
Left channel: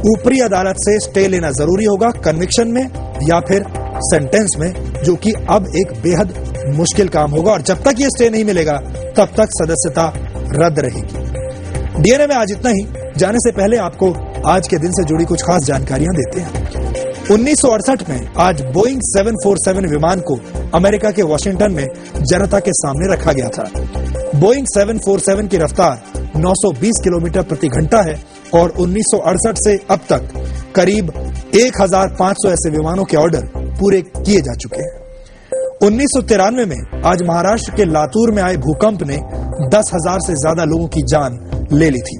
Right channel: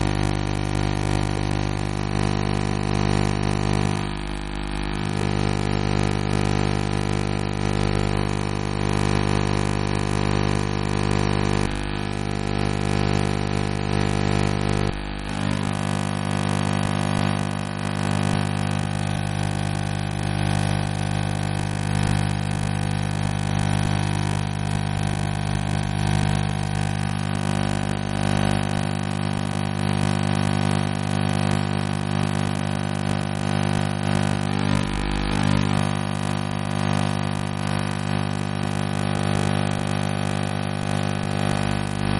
ऊपरी अदालत से स्टे लेना जरूरी होगा कन्विक्शन में या फिर सेंटेंस में, जो कि अब एक बेहद मुश्किल काम होगा और जब तक ये स्टे नहीं मिलेगा तब तक सदस्यता रद्द रहेगी। डीएनए में आज इतना ही। जाने से पहले आपको आज के दिन से जुड़ी कुछ खास जानकारियां देते हैं। 1968 में आज बोइंग 747 विमान को अमेरिका के वॉशिंगटन में जनता के सामने रखा गया था। बोइंग 747 की रफ्तार 920 किलोमीटर प्रति घंटा है और 1968 से अब तक करीब 1500 ऐसे विमानों के ऑर्डर पूरे किए जा चुके हैं। 1993 में आज महाराष्ट्र के लातूर में आए भूकंप ने 10,000 से ज्यादा लोगों की जान ले ली थी।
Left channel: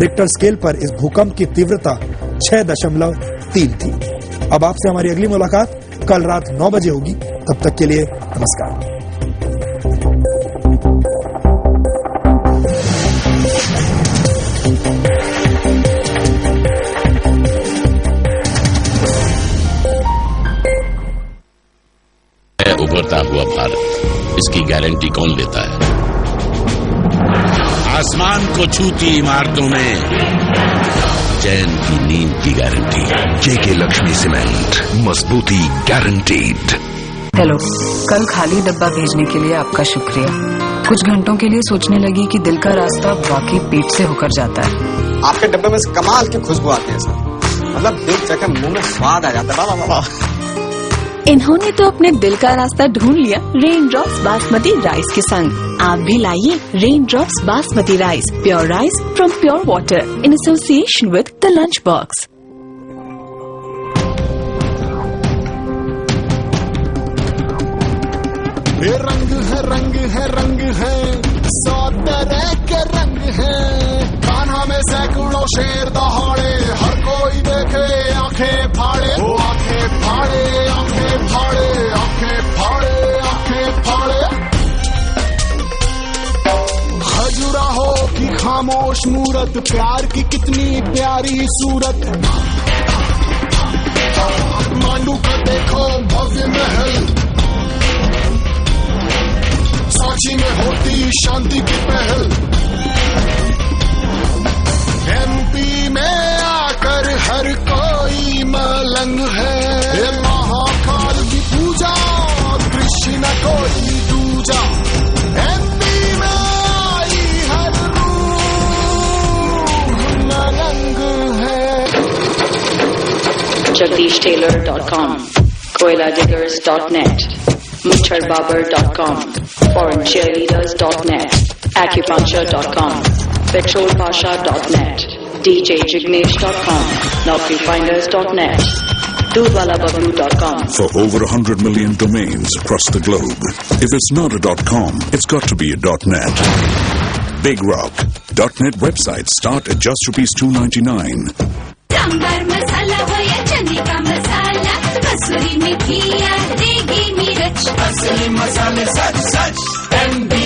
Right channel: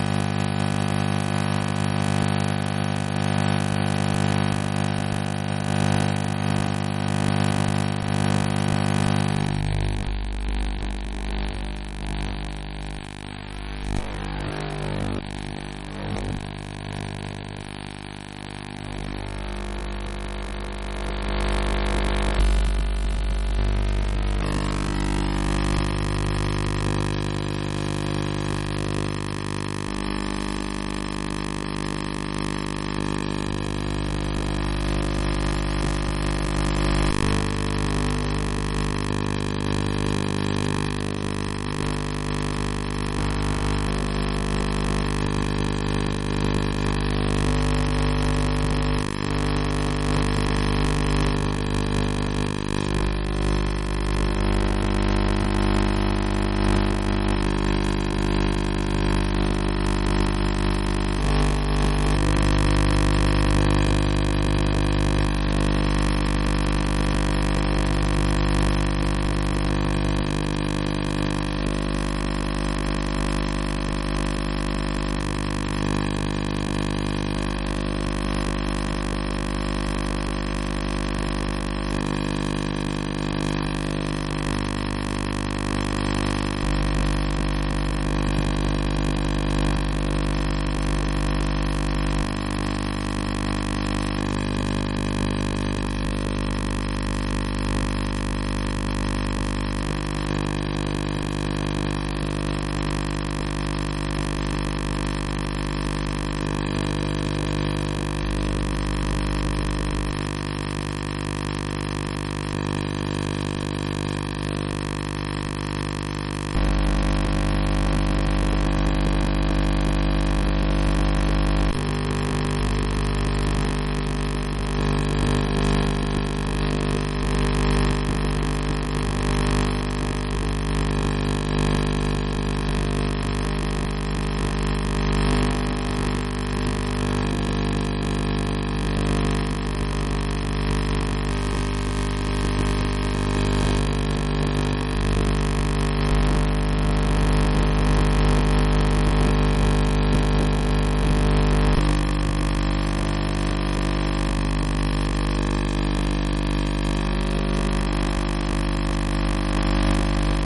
रिक्टर स्केल पर इस भूकंप की तीव्रता 6.3 थी। अब आपसे हमारी अगली मुलाकात कल रात 9 बजे होगी। तब तक के लिए नमस्कार। उभरता हुआ भारत, इसकी गारंटी कौन लेता है? आसमान को छूती इमारतों में चैन की नींद की गारंटी। जेके लक्ष्मी सीमेंट, मजबूती गारंटीड। हेलो, कल खाली डब्बा भेजने के लिए आपका शुक्रिया। कुछ घंटों के लिए सोचने लगी कि दिल का रास्ता वाकई पेट से होकर जाता है। आपके डब्बे में से कमाल की खुशबू आती है, मतलब देख जाकर मुंह में स्वाद आ जाता है। वाह वाह वाह। इन्होंने तो अपने दिल का रास्ता ढूंढ लिया रेन ड्रॉप्स बासमती राइस के संग। आप भी लाइए rain drops basmati rice, pure rice from pure water in association with the lunch box. रंग है रंग है रंग है, 100 तरह के रंग है। कान्हा में सैकड़ों शेर दहाड़े, हर कोई देखे आंखें फाड़े, वो आंखें फाड़े, आंखें फाड़े, आंखें फाड़े, आंखें फाड़े। खजुराहो की खामोश मूरत, प्यार की कितनी प्यारी सूरत। मांडू का देखो भव्य महल, सांची में होती शांति की पहल। एमपी में आकर हर कोई मलंग है। महाकाल की पूजा, कृष्ण न कोई दूजा। एमपी में आई हर रूह मलंग है। JagdishTaylor.com, KoilaDiggers.net, MucharBabar.com, ForeignCheerleaders.net, Acupuncture.com, PetrolPasha.net, DJJignesh.com, NaukriFinders.net, DoodWalaBabu.com. For over 100 million domains across the globe, if it's not a .com, it's got to be a .net. Big Rock. .net websites start at just ₹299. Sambar मसाला हो या चने का मसाला, कसूरी मेथी या देगी मिर्च, असली मसाले सच सच MB